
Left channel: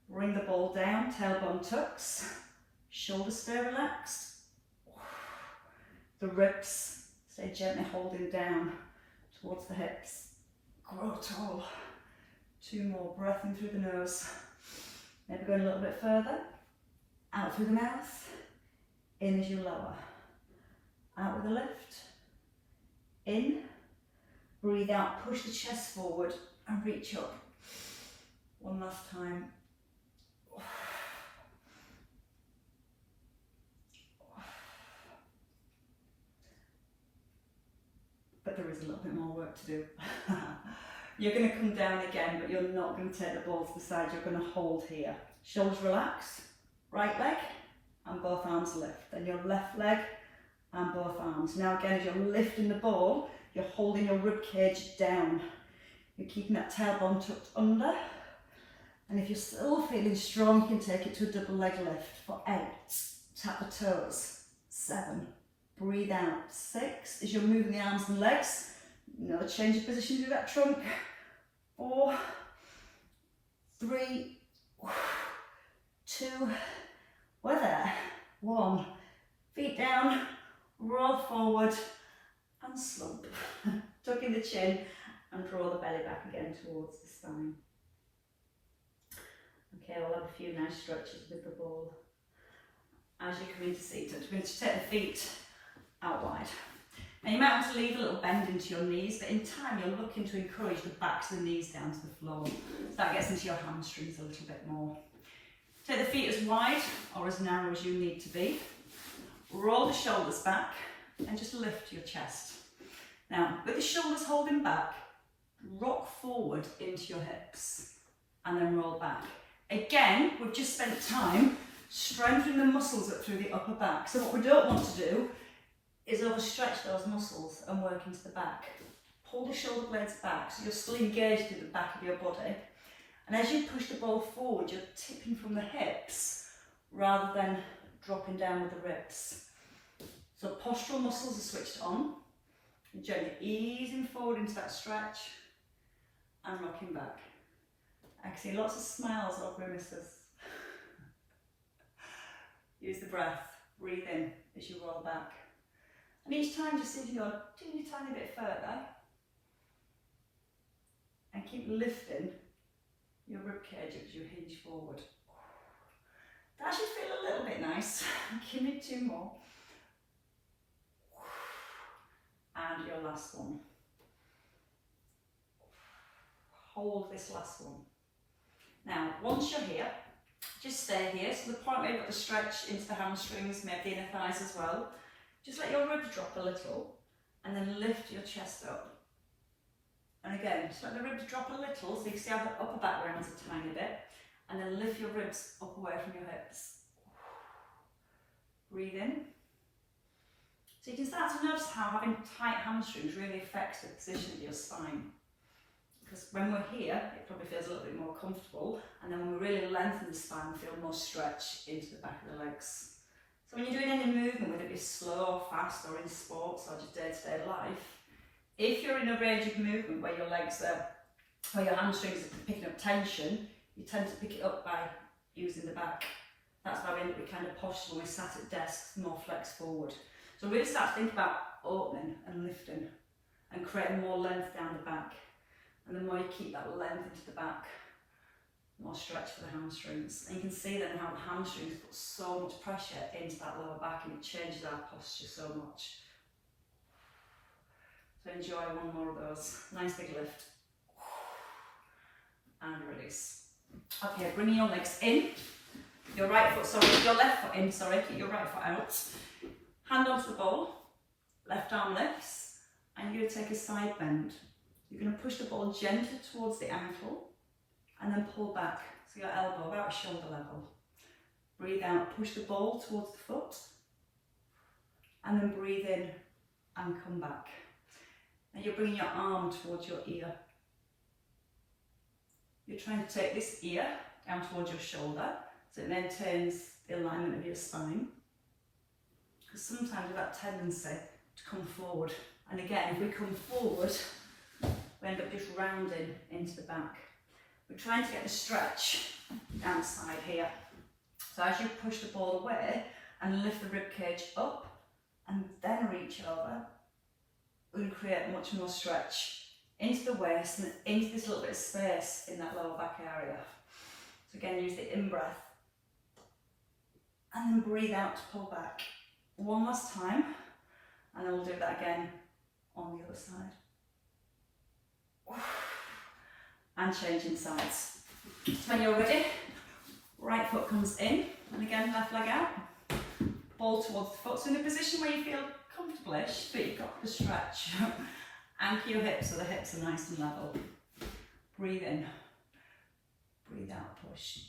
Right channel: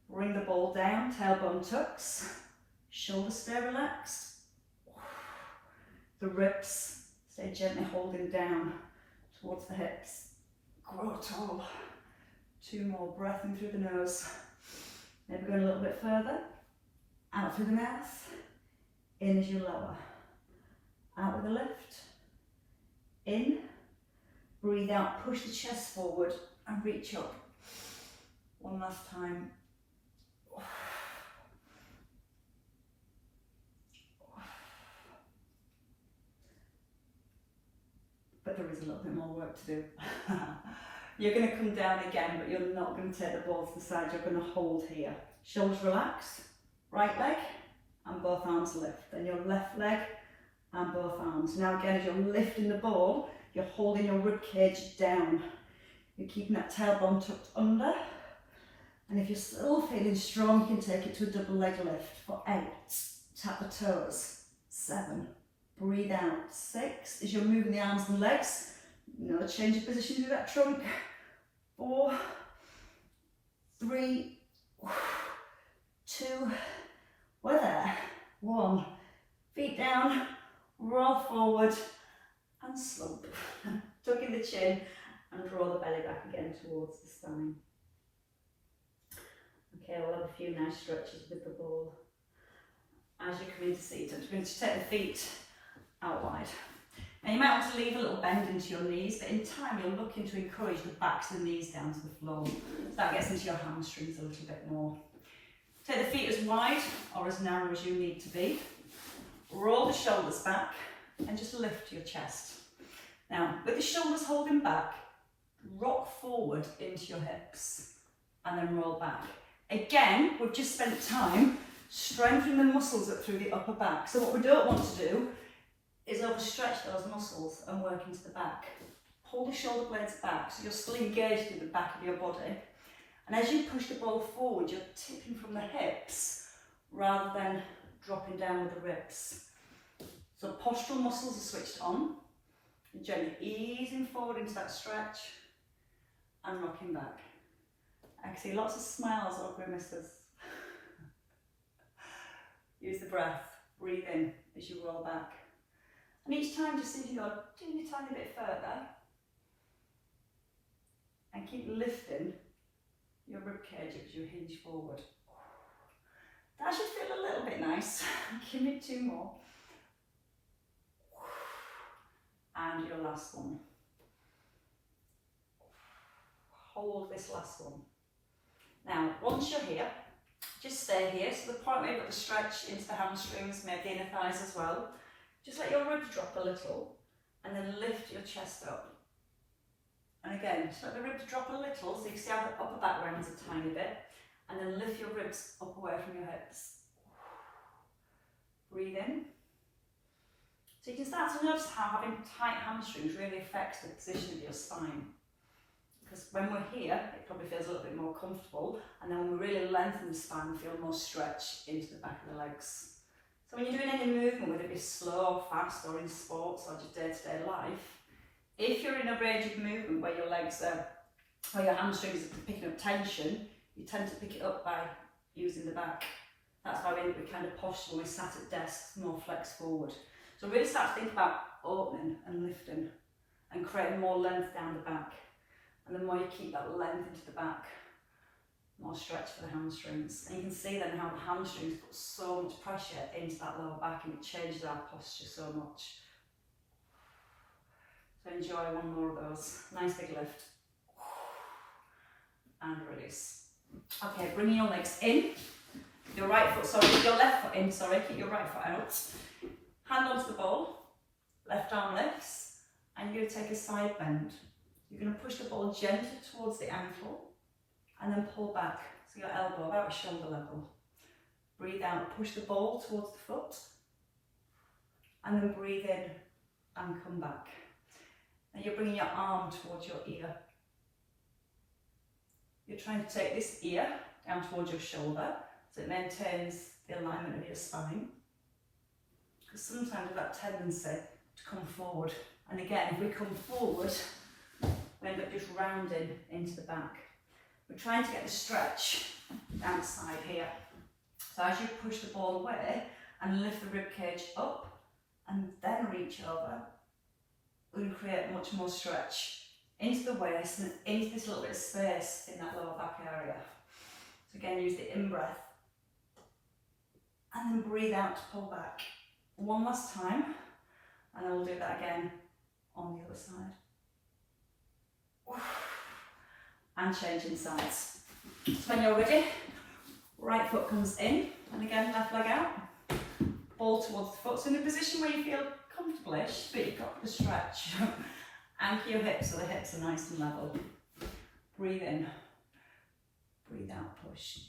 Bring the ball down, tailbone tucks, shoulders stay relaxed. The ribs stay gently holding down towards the hips. Grow tall. 2 more, breath in through the nose. Maybe going a little bit further. Out through the mouth. In as you lower. Out with a lift. In. Breathe out, push the chest forward and reach up. One last time. But there is a little bit more work to do. You're going to come down again, but you're not going to take the ball to the side. You're going to hold here. Shoulders relax, right leg and both arms lift. Then your left leg and both arms. Now again, as you're lifting the ball, you're holding your rib cage down. You're keeping that tailbone tucked under. And if you're still feeling strong, you can take it to a double leg lift for 8. Tap the toes. 7. Breathe out. 6. As you're moving the arms and legs, another change of position to that trunk. 4, 3, 2, we're there. 1. Feet down, roll forward and slump. Tuck in the chin and draw the belly back again towards the spine. Okay, we'll have a few nice stretches with the ball. As you come into seated, we're going to take the feet out wide. Now you might want to leave a little bend into your knees, but in time you're looking to encourage the backs of the knees down to the floor. So that gets into your hamstrings a little bit more. Take the feet as wide or as narrow as you need to be. Roll the shoulders back and just lift your chest. Now, with the shoulders holding back, rock forward into your hips and then roll back. Again, we've just spent time strengthening the muscles up through the upper back. So what we don't want to do is overstretch those muscles and work into the back. Pull the shoulder blades back so you're still engaged in the back of your body. And as you push the ball forward, you're tipping from the hips rather than dropping down with the ribs. So postural muscles are switched on. You're gently easing forward into that stretch and rocking back. I can see lots of smiles or grimaces. Use the breath, breathe in as you roll back. And each time just see if you go do a tiny bit further. And keep lifting your ribcage as you hinge forward. That should feel a little bit nice. Give me 2 more. And your last one. Hold this last one. Now, once you're here, just stay here. So the point where you've got the stretch into the hamstrings, maybe the inner thighs as well. Just let your ribs drop a little and then lift your chest up. And again, just let the ribs drop a little so you can see how the upper back rounds a tiny bit. And then lift your ribs up away from your hips. Breathe in. So you can start to notice how having tight hamstrings really affects the position of your spine. Because when we're here, it probably feels a little bit more comfortable, and then when we really lengthen the spine, we feel more stretch into the back of the legs. So when you're doing any movement, whether it be slow or fast, or in sports, or just day-to-day life, if you're in a range of movement where your legs are, where your hamstrings are picking up tension, you tend to pick it up by using the back. That's why we end up with kind of posture when we're sat at desks, more flex forward. So really start to think about opening and lifting and creating more length down the back. And the more you keep that length into the back, more stretch for the hamstrings. And you can see then how the hamstrings put so much pressure into that lower back, and it changes our posture so much. So enjoy one more of those. Nice big lift. And release. Okay, bringing your legs in. Your right foot, sorry, your left foot in, sorry, keep your right foot out. Hand onto the ball, left arm lifts, and you're going to take a side bend. You're going to push the ball gently towards the ankle and then pull back, so your elbow about shoulder level. Breathe out, push the ball towards the foot, and then breathe in and come back. And you're bringing your arm towards your ear. You're trying to take this ear down towards your shoulder so it maintains the alignment of your spine. Because sometimes we've got a tendency to come forward. And again, if we come forward, we end up just rounding into the back. We're trying to get the stretch down the side here. So as you push the ball away and lift the rib cage up and then reach over, we can create much more stretch into the waist and into this little bit of space in that lower back area. So again, use the in-breath and then breathe out to pull back. One last time, and then we'll do that again on the other side. And changing sides. So when you're ready, right foot comes in, and again left leg out, ball towards the foot. So in a position where you feel comfortable-ish, but you've got the stretch. Anchor your hips so the hips are nice and level. Breathe in, breathe out, push.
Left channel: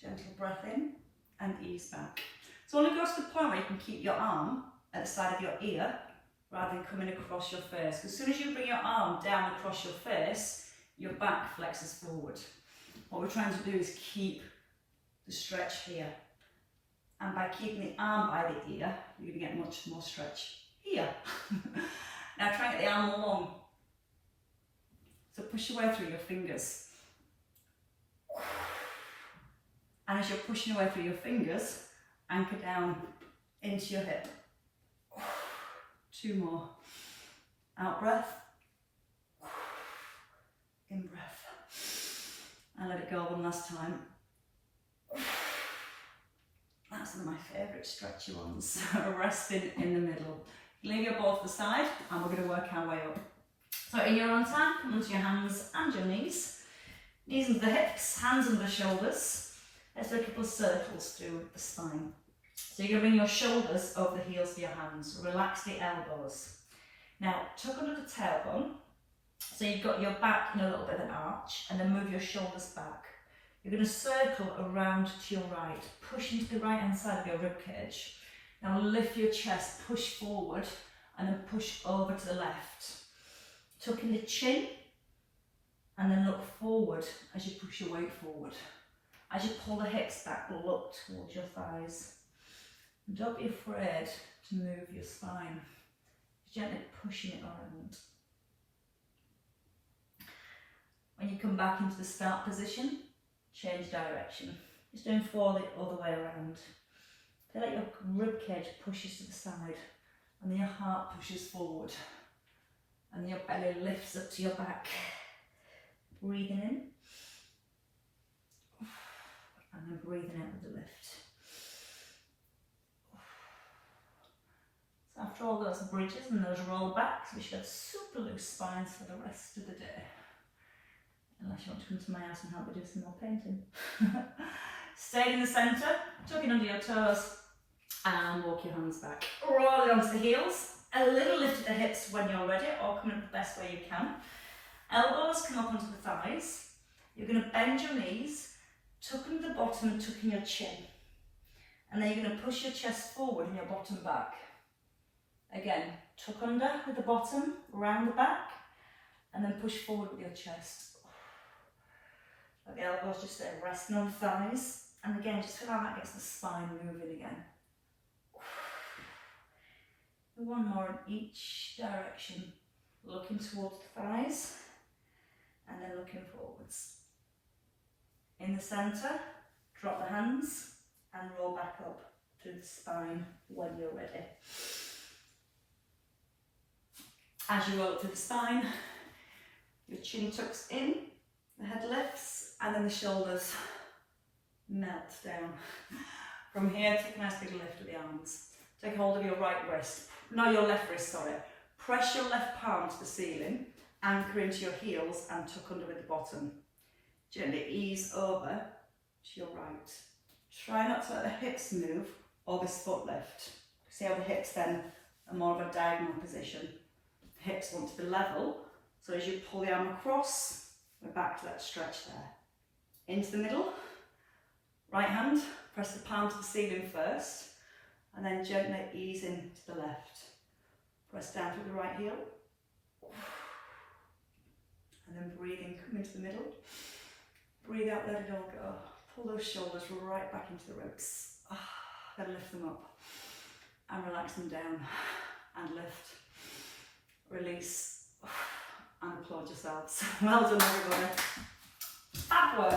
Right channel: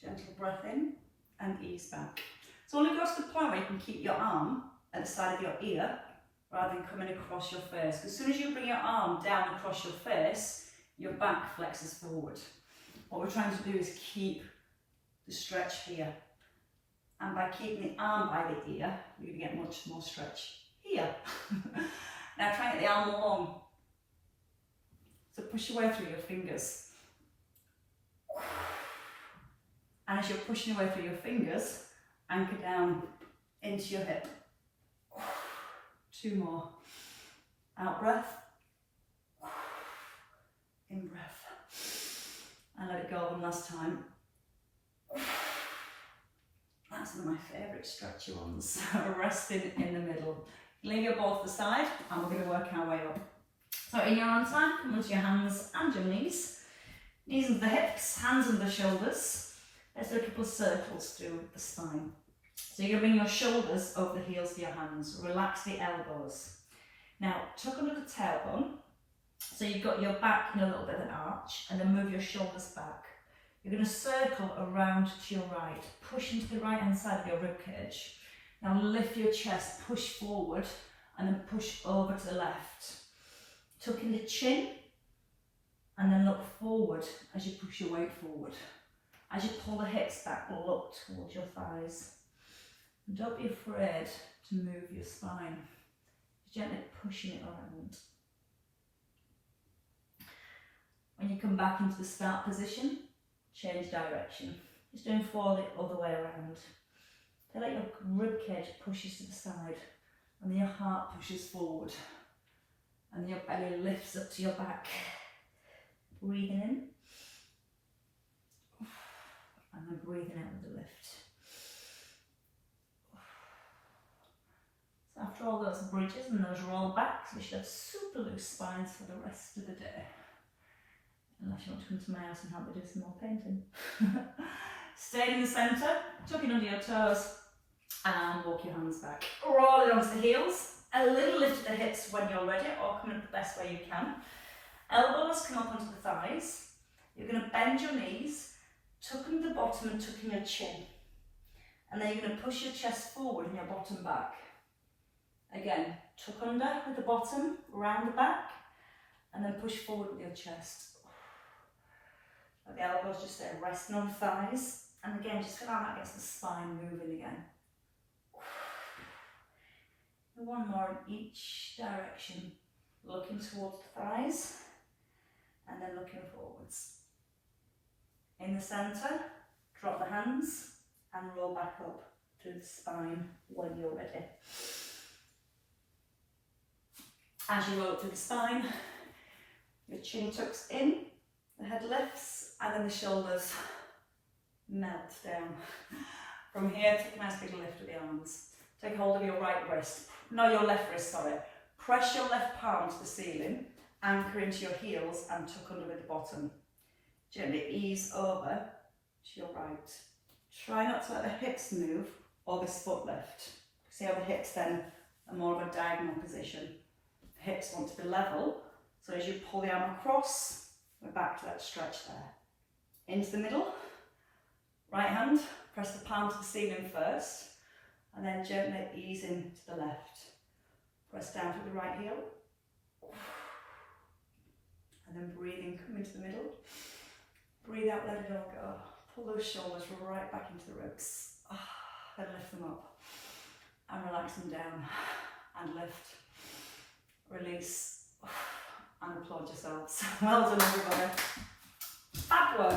Gentle breath in and ease back. So I want to go to the point where you can keep your arm at the side of your ear rather than coming across your face. As soon as you bring your arm down across your face, your back flexes forward. What we're trying to do is keep the stretch here. And by keeping the arm by the ear, you're going to get much more stretch here. Now try and get the arm long. So push your way through your fingers. And as you're pushing your way through your fingers, anchor down into your hip. 2 more. Out breath. In breath. And let it go one last time. And That's one of my favourite stretchy ones. Resting in the middle. Leave your ball to the side and we're going to work our way up. So in your own time, come onto your hands and your knees. Knees under the hips, hands under the shoulders. Let's do a couple of circles through the spine. So you're going to bring your shoulders over the heels of your hands. Relax the elbows. Now tuck under the tailbone. So you've got your back in a little bit of an arch and then move your shoulders back. You're going to circle around to your right, push into the right hand side of your ribcage. Now lift your chest, push forward and then push over to the left. Tuck in the chin and then look forward as you push your weight forward. As you pull the hips back, look towards your thighs. And don't be afraid to move your spine. Just gently pushing it around. When you come back into the start position, change direction. Just doing 4 the other way around. Feel like your ribcage pushes to the side and your heart pushes forward. And your belly lifts up to your back. Breathing in. And then breathing out with the lift. So after all those bridges and those roll backs, we should have super loose spines for the rest of the day. Unless you want to come to my house and help me do some more painting. Stay in the centre, tuck in under your toes, and walk your hands back. Roll it onto the heels. A little lift at the hips when you're ready, or come in the best way you can. Elbows come up onto the thighs. You're going to bend your knees, tuck under the bottom and tuck in your chin. And then you're going to push your chest forward and your bottom back. Again, tuck under with the bottom, round the back, and then push forward with your chest. Let the elbows just stay resting on the thighs. And again, just feel how that gets the spine moving again. And one more in each direction. Looking towards the thighs and then looking forwards. In the centre, drop the hands and roll back up through the spine when you're ready. As you roll up through the spine, your chin tucks in, the head lifts, and then the shoulders melt down. From here, take a nice big lift with the arms. Take hold of your right wrist, no, your left wrist, sorry. Press your left palm to the ceiling, anchor into your heels and tuck under with the bottom. Gently ease over to your right. Try not to let the hips move or this foot lift. See how the hips then are more of a diagonal position. The hips want to be level, so as you pull the arm across, we're back to that stretch there. Into the middle, right hand, press the palm to the ceiling first, and then gently ease in to the left. Press down to the right heel. And then breathing, come into the middle. Breathe out, let it all go. Pull those shoulders right back into the ribs. Then lift them up. And relax them down. And lift. Release. And applaud yourselves. Well done, everybody.